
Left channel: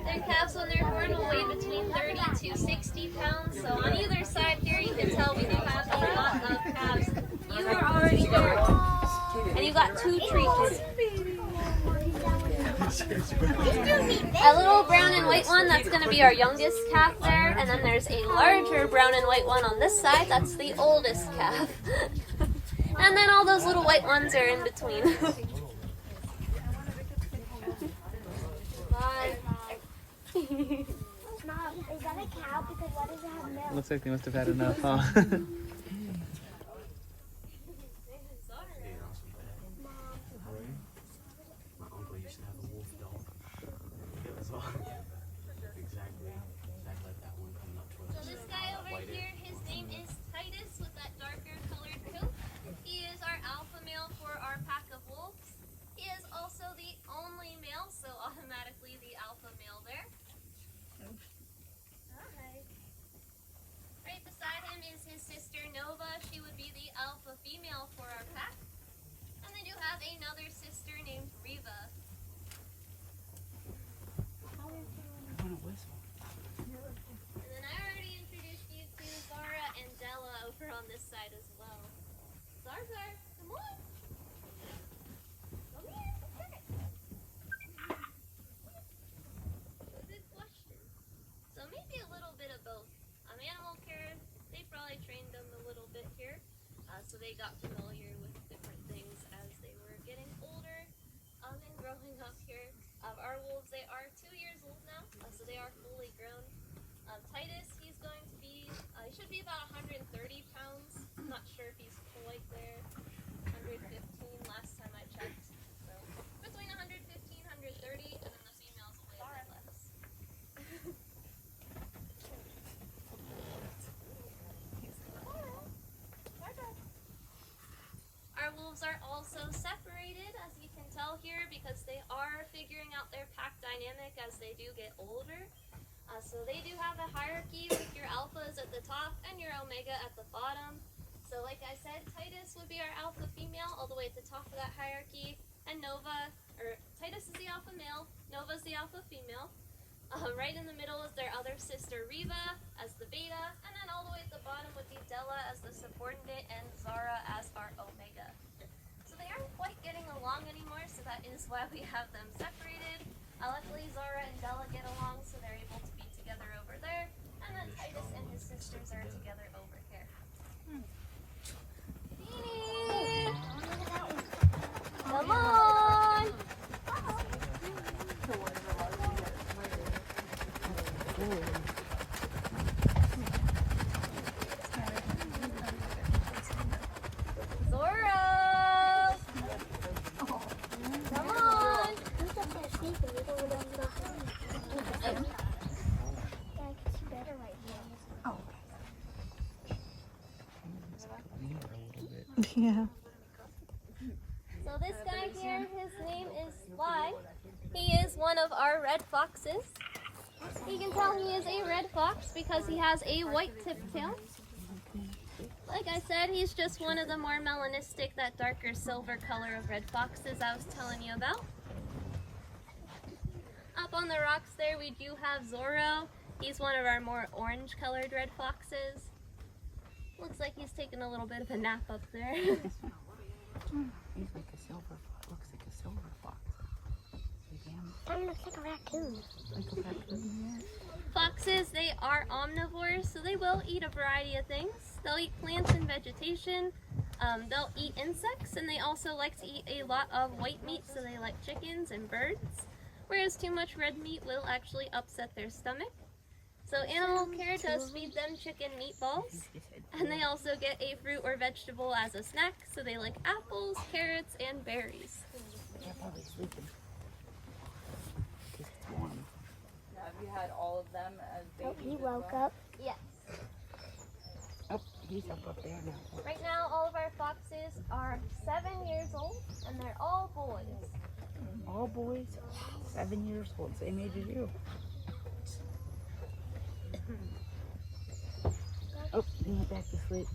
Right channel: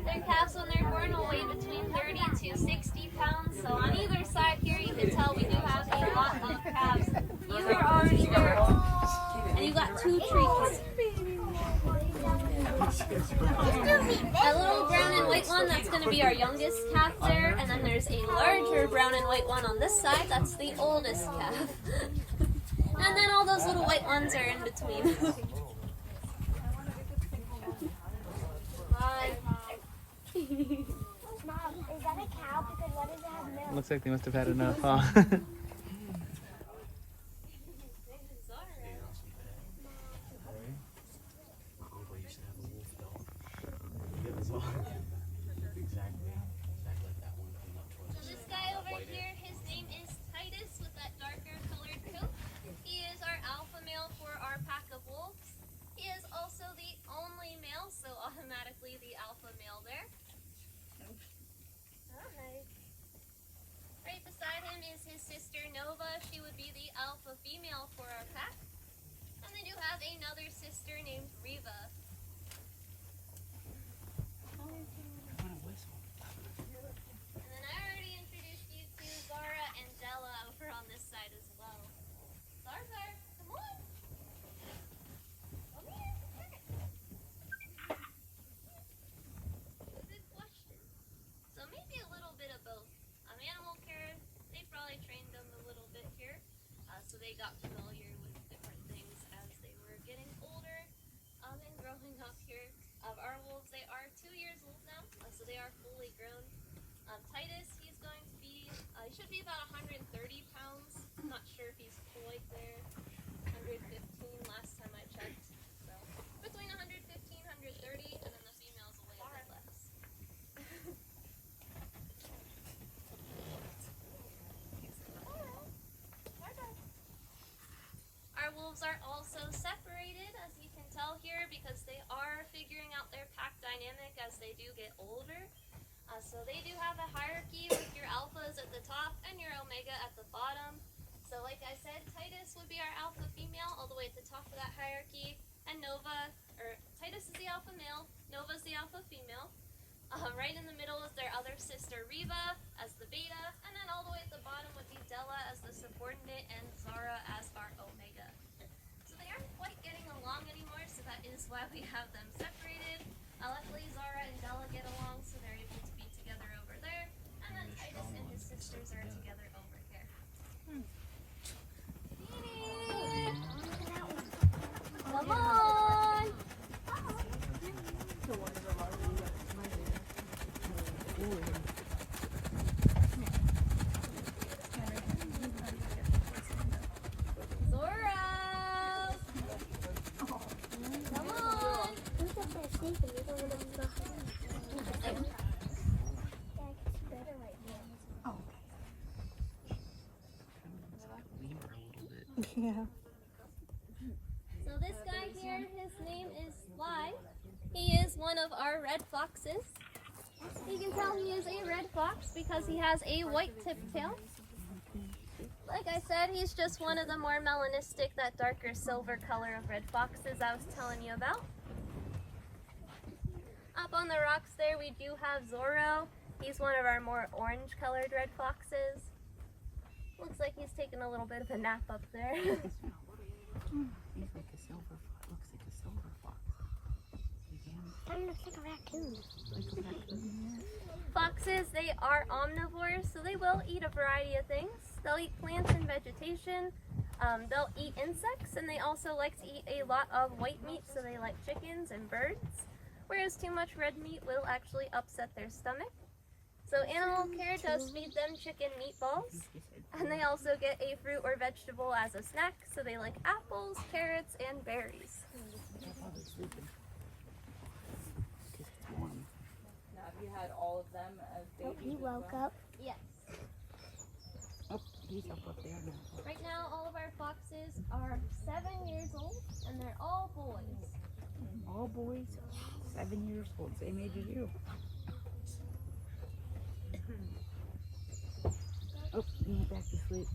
Their calves on their horn will weigh between 30 to 60 pounds. So on either side here, you can tell we do have a lot of calves. You are already there, and you got 2 treats. A little brown and white one, that's going to be our youngest calf there. And then there's a larger brown and white one on this side, that's the oldest calf. And then all those little white ones are in between. Is that a cow? Because why does it have milk? Looks like they must have had enough, huh? My uncle used to have a wolf dog. It was all exactly like that one coming up to us. So this guy over here, his name is Titus with that darker colored coat. He is our alpha male for our pack of wolves. He is also the only male, so automatically the alpha male there. Alright. Right beside him is his sister Nova. She would be the alpha female for our pack. And they do have another sister named Reva. And then I already introduced you to Zara and Della over on this side as well. Zara, come on. Come here. Good question. So maybe a little bit of both. Animal care, they probably trained them a little bit here. So they got familiar with different things as they were getting older and growing up here. Our wolves, they are 2 years old now, so they are fully grown. Titus, he's going to be, he should be about 130 pounds. I'm not sure if he's quite there. 115 last time I checked. So between 115, 130, and then the females will weigh a bit less. Our wolves are also separated, as you can tell here, because they are figuring out their pack dynamic as they do get older. So they do have a hierarchy with your alphas at the top and your omega at the bottom. So like I said, Titus would be our alpha female all the way at the top of that hierarchy, and Titus is the alpha male, Nova's the alpha female. Right in the middle is their other sister Reva as the beta, and then all the way at the bottom would be Della as the subordinate and Zara as our omega. So they aren't quite getting along anymore, so that is why we have them separated. Luckily Zara and Della get along, so they're able to be together over there, and then Titus and his sisters are together over here. Come on! Zora! Come on! Yeah. So this guy here, his name is Sly. He is one of our red foxes. You can tell he is a red fox because he has a white tip tail. Like I said, he's just one of the more melanistic, that darker silver color of red foxes I was telling you about. Up on the rocks there, we do have Zorro. He's one of our more orange colored red foxes. Looks like he's taking a little bit of a nap up there. He's like a silver, looks like a silver fox. That looks like a raccoon. Like a raccoon, yeah. Foxes, they are omnivores, so they will eat a variety of things. They'll eat plants and vegetation. They'll eat insects, and they also like to eat a lot of white meat, so they like chickens and birds. Whereas too much red meat will actually upset their stomach. So Animal Care does feed them chicken meatballs, and they also get a fruit or vegetable as a snack, so they like apples, carrots, and berries. Have you had all of them as Oh, babies? he woke up. Yes. Oh, he's up there now. Right now, all of our foxes are 7 years old, and they're all boys. All boys, 7 years old, same age as you. Oh, he went back to sleep.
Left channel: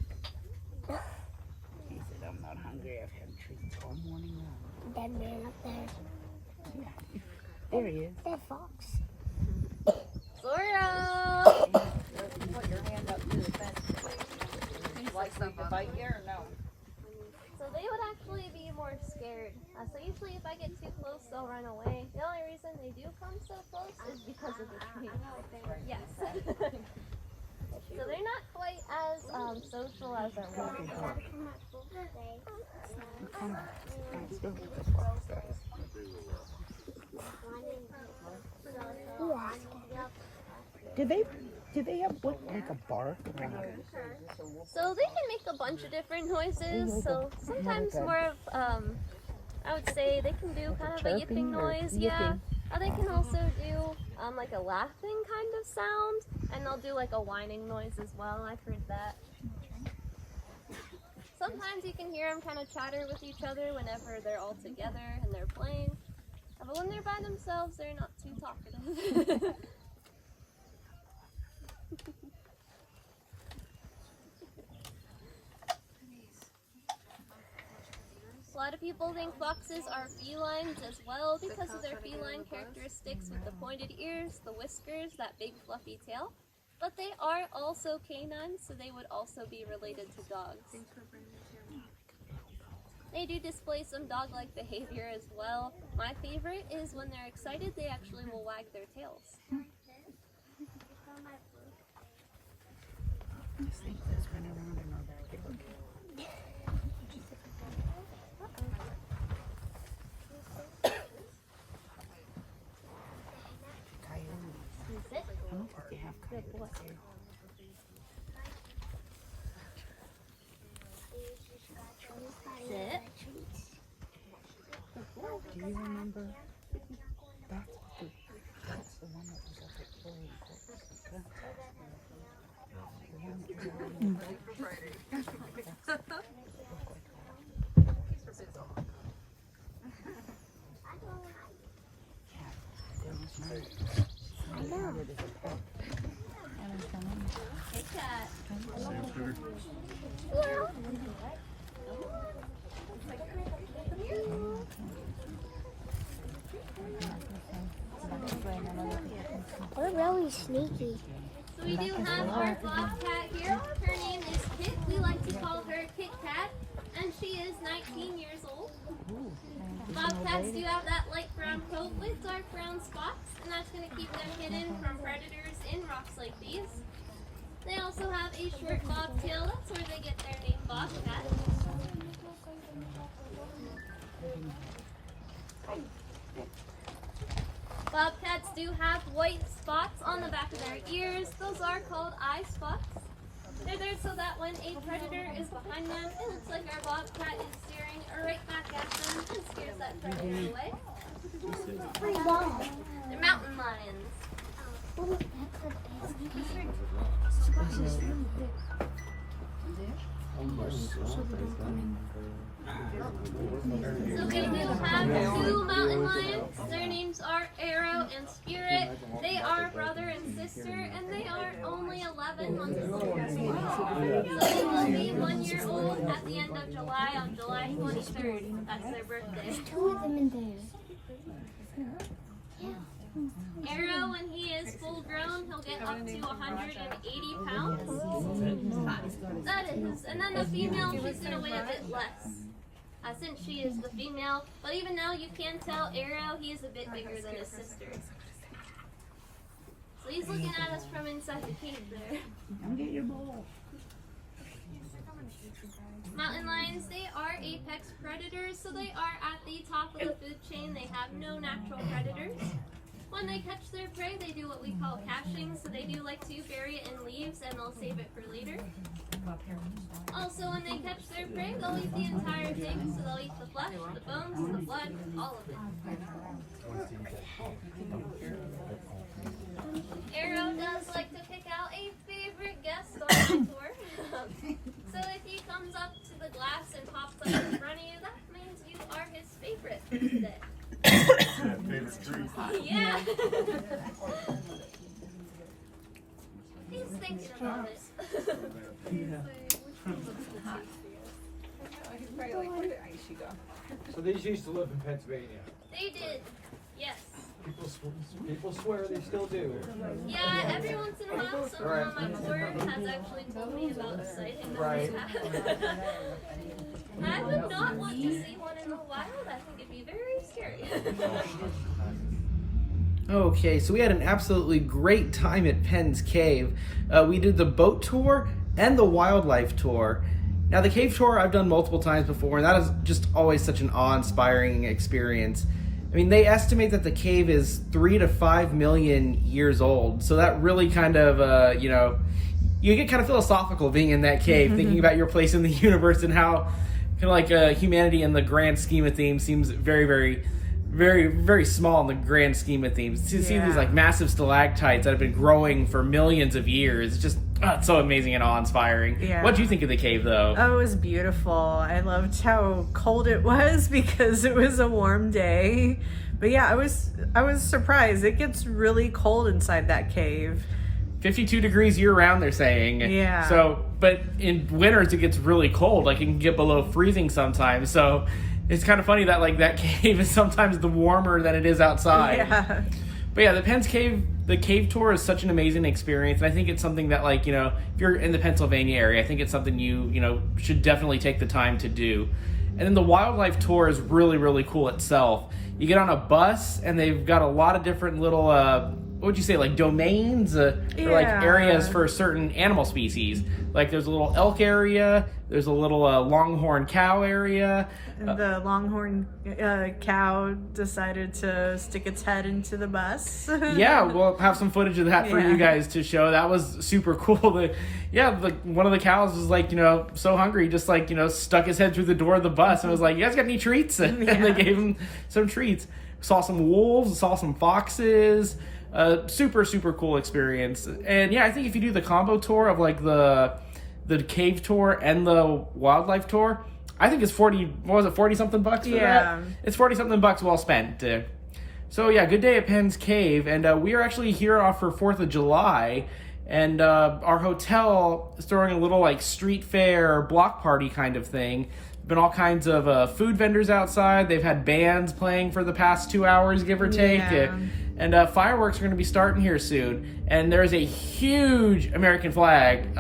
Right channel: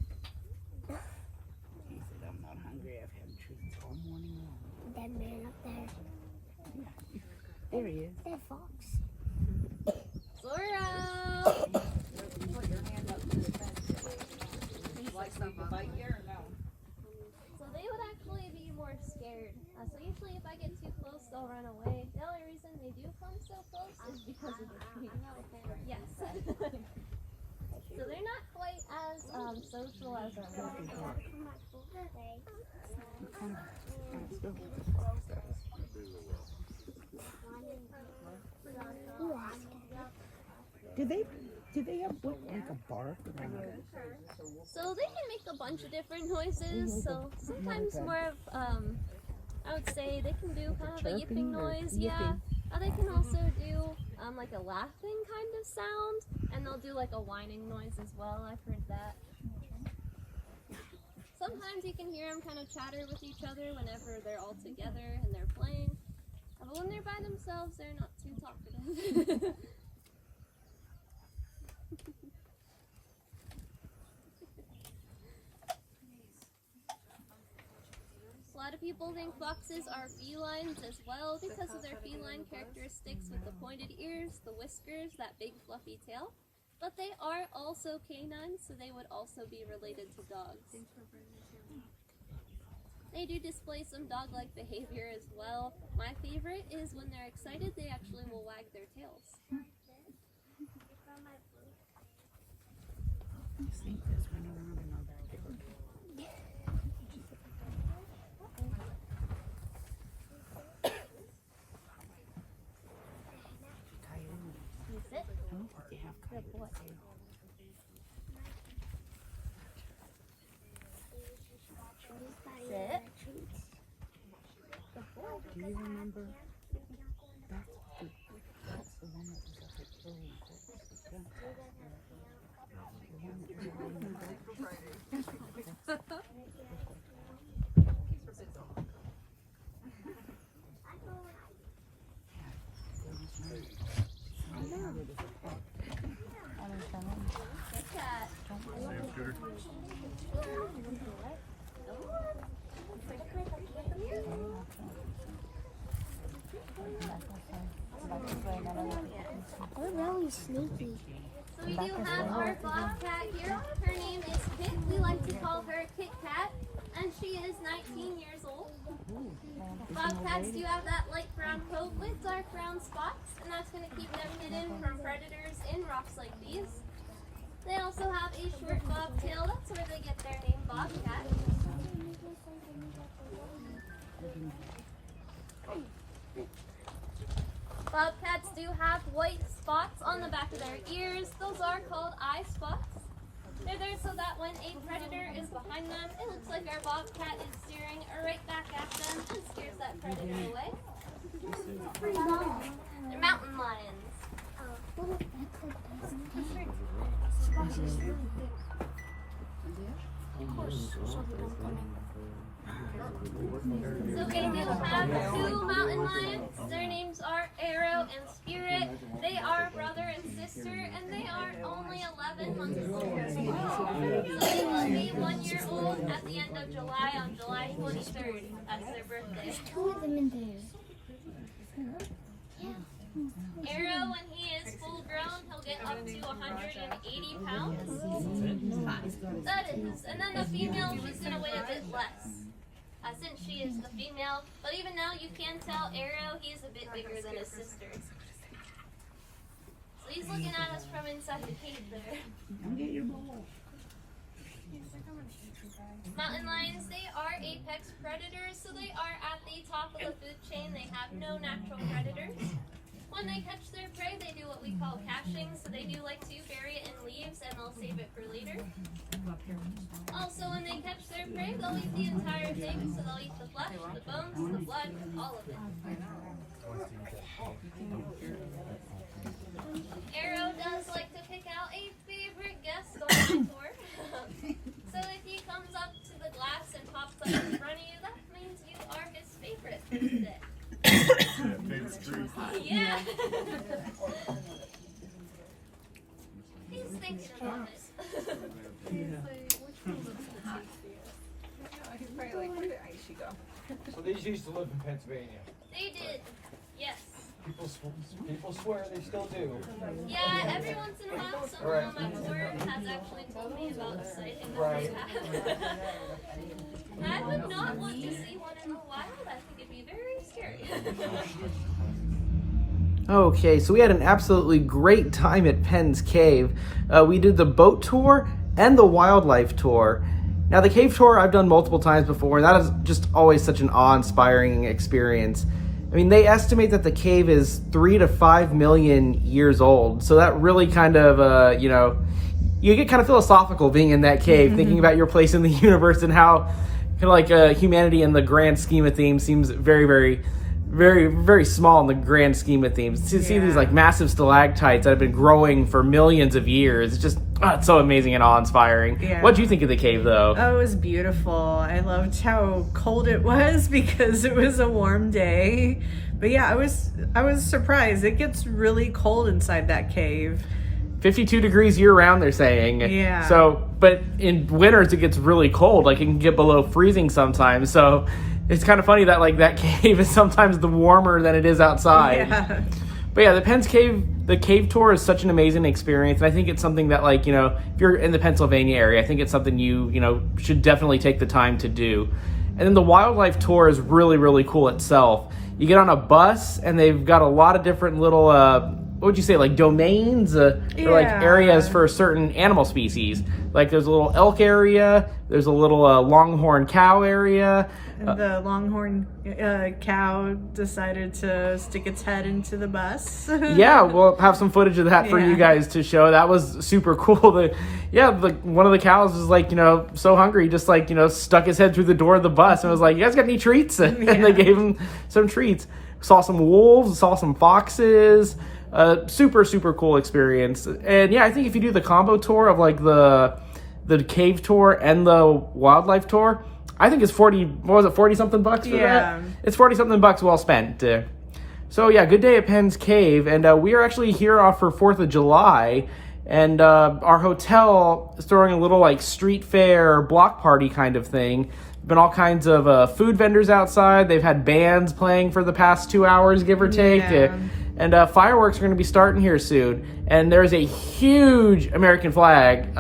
He said, I'm not hungry, I've had treats all morning long. That man up there. Yeah. There he is. That fox. Zorro! Put your hand up to the fence. Do you like me to bite you or no? So they would actually be more scared. So usually if I get too close, they'll run away. The only reason they do come so close is because of the tree. Yes. So they're not quite as social as our wolves. Do they have what, like a bark or So they can make a bunch of different noises. So sometimes more of, I would say they can do kind of a yipping noise, yeah. Or they can also do like a laughing kind of sound, and they'll do like a whining noise as well. I've heard that. Sometimes you can hear them kind of chatter with each other whenever they're all together and they're playing. But when they're by themselves, they're not too talkative. A lot of people think foxes are felines as well because of their feline characteristics with the pointed ears, the whiskers, that big fluffy tail. But they are also canines, so they would also be related to dogs. They do display some dog-like behavior as well. My favorite is when they're excited, they actually will wag their tails. Sit. Good boy. Sit. Good boy. Do you remember? That's the one that was at the play. Good cat. Sam Scooter. We're really sneaky. So we do have our bobcat here. Her name is Kit. We like to call her Kit Kat, and she is 19 years old. Bobcats do have that light brown coat with dark brown spots, and that's going to keep them hidden from predators in rocks like these. They also have a short bobtail. That's where they get their name Bobcat. Bobcats do have white spots on the back of their ears. Those are called eye spots. They're there so that when a predator is behind them, it looks like our bobcat is staring right back at them and scares that predator away. They're mountain lions. So we do have two mountain lions. Their names are Arrow and Spirit. They are brother and sister, and they are only 11 months old. So they will be 1 year old at the end of July, on July 23rd. That's their birthday. Two of them in there. Arrow, when he is full grown, he'll get up to 180 pounds. That is. And then the female, she's going to weigh a bit less. Since she is the female. But even now, you can tell Arrow, he is a bit bigger than his sister. So he's looking at us from inside the cave there. Get your ball. Mountain lions, they are apex predators, so they are at the top of the food chain. They have no natural predators. When they catch their prey, they do what we call caching, so they do like to bury it in leaves and they'll save it for later. Also, when they catch their prey, they'll eat the entire thing, so they'll eat the flesh, the bones, the blood, all of it. Arrow does like to pick out a favorite guest on the tour. So if he comes up to the glass and pops up in front of you, that means you are his favorite. Favorite treat. Yeah. He's thinking about it. So these used to live in Pennsylvania. They did, yes. People swear they still do. Yeah, every once in a while someone on my tour has actually told me about a sighting that Right. they had. I would not want to see one in the wild. I think it'd be very scary. Okay, so we had an absolutely great time at Penn's Cave. We did the boat tour and the wildlife tour. Now, the cave tour I've done multiple times before, and that is just always such an awe-inspiring experience. I mean, they estimate that the cave is 3 to 5 million years old. So that really kind of, you get kind of philosophical being in that cave, thinking about your place in the universe and how kind of like humanity in the grand scheme of things seems very, very, very, very small in the grand scheme of things. To see these like massive stalactites that have been growing for millions of years, it's just it's so amazing and awe-inspiring. Yeah. What do you think of the cave, though? Oh, it was beautiful. I loved how cold it was because it was a warm day. But yeah, I was surprised. It gets really cold inside that cave. 52 degrees year-round, they're saying. Yeah. So, but in winters it gets really cold. Like it can get below freezing sometimes. So it's kind of funny that like that cave is sometimes the warmer than it is outside. Yeah. But yeah, the cave tour is such an amazing experience, and I think it's something that, like, if you're in the Pennsylvania area, I think it's something you should definitely take the time to do. And then the wildlife tour is really, really cool itself. You get on a bus, and they've got a lot of different little, what would you say, like domains, or like areas for certain animal species. Like there's a little elk area, there's a little longhorn cow area. And the longhorn cow decided to stick its head into the bus. Yeah, we'll have some footage of that for you guys to show. That was super cool. One of the cows was like, so hungry, just like, stuck his head through the door of the bus and was like, you guys got any treats? And they gave him some treats. Saw some wolves, saw some foxes. Super, super cool experience. And yeah, I think if you do the combo tour of like the cave tour and the wildlife tour, I think it's 40 something bucks for that? It's 40 something bucks well spent. So yeah, good day at Penn's Cave, and we are actually here for 4th of July, and our hotel is throwing a little like street fair block party kind of thing. Been all kinds of food vendors outside. They've had bands playing for the past 2 hours, give or take. And fireworks are going to be starting here soon. And there's a huge American flag.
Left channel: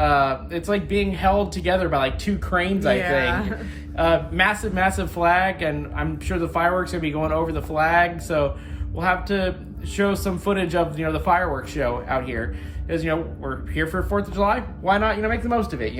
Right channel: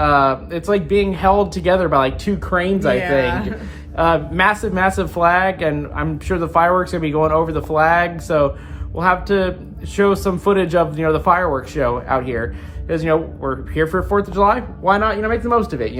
It's like being held together by like 2 cranes, I think. Massive, massive flag, and I'm sure the fireworks are going to be going over the flag. So we'll have to show some footage of the fireworks show out here. Because we're here for 4th of July. Why not make the most of it?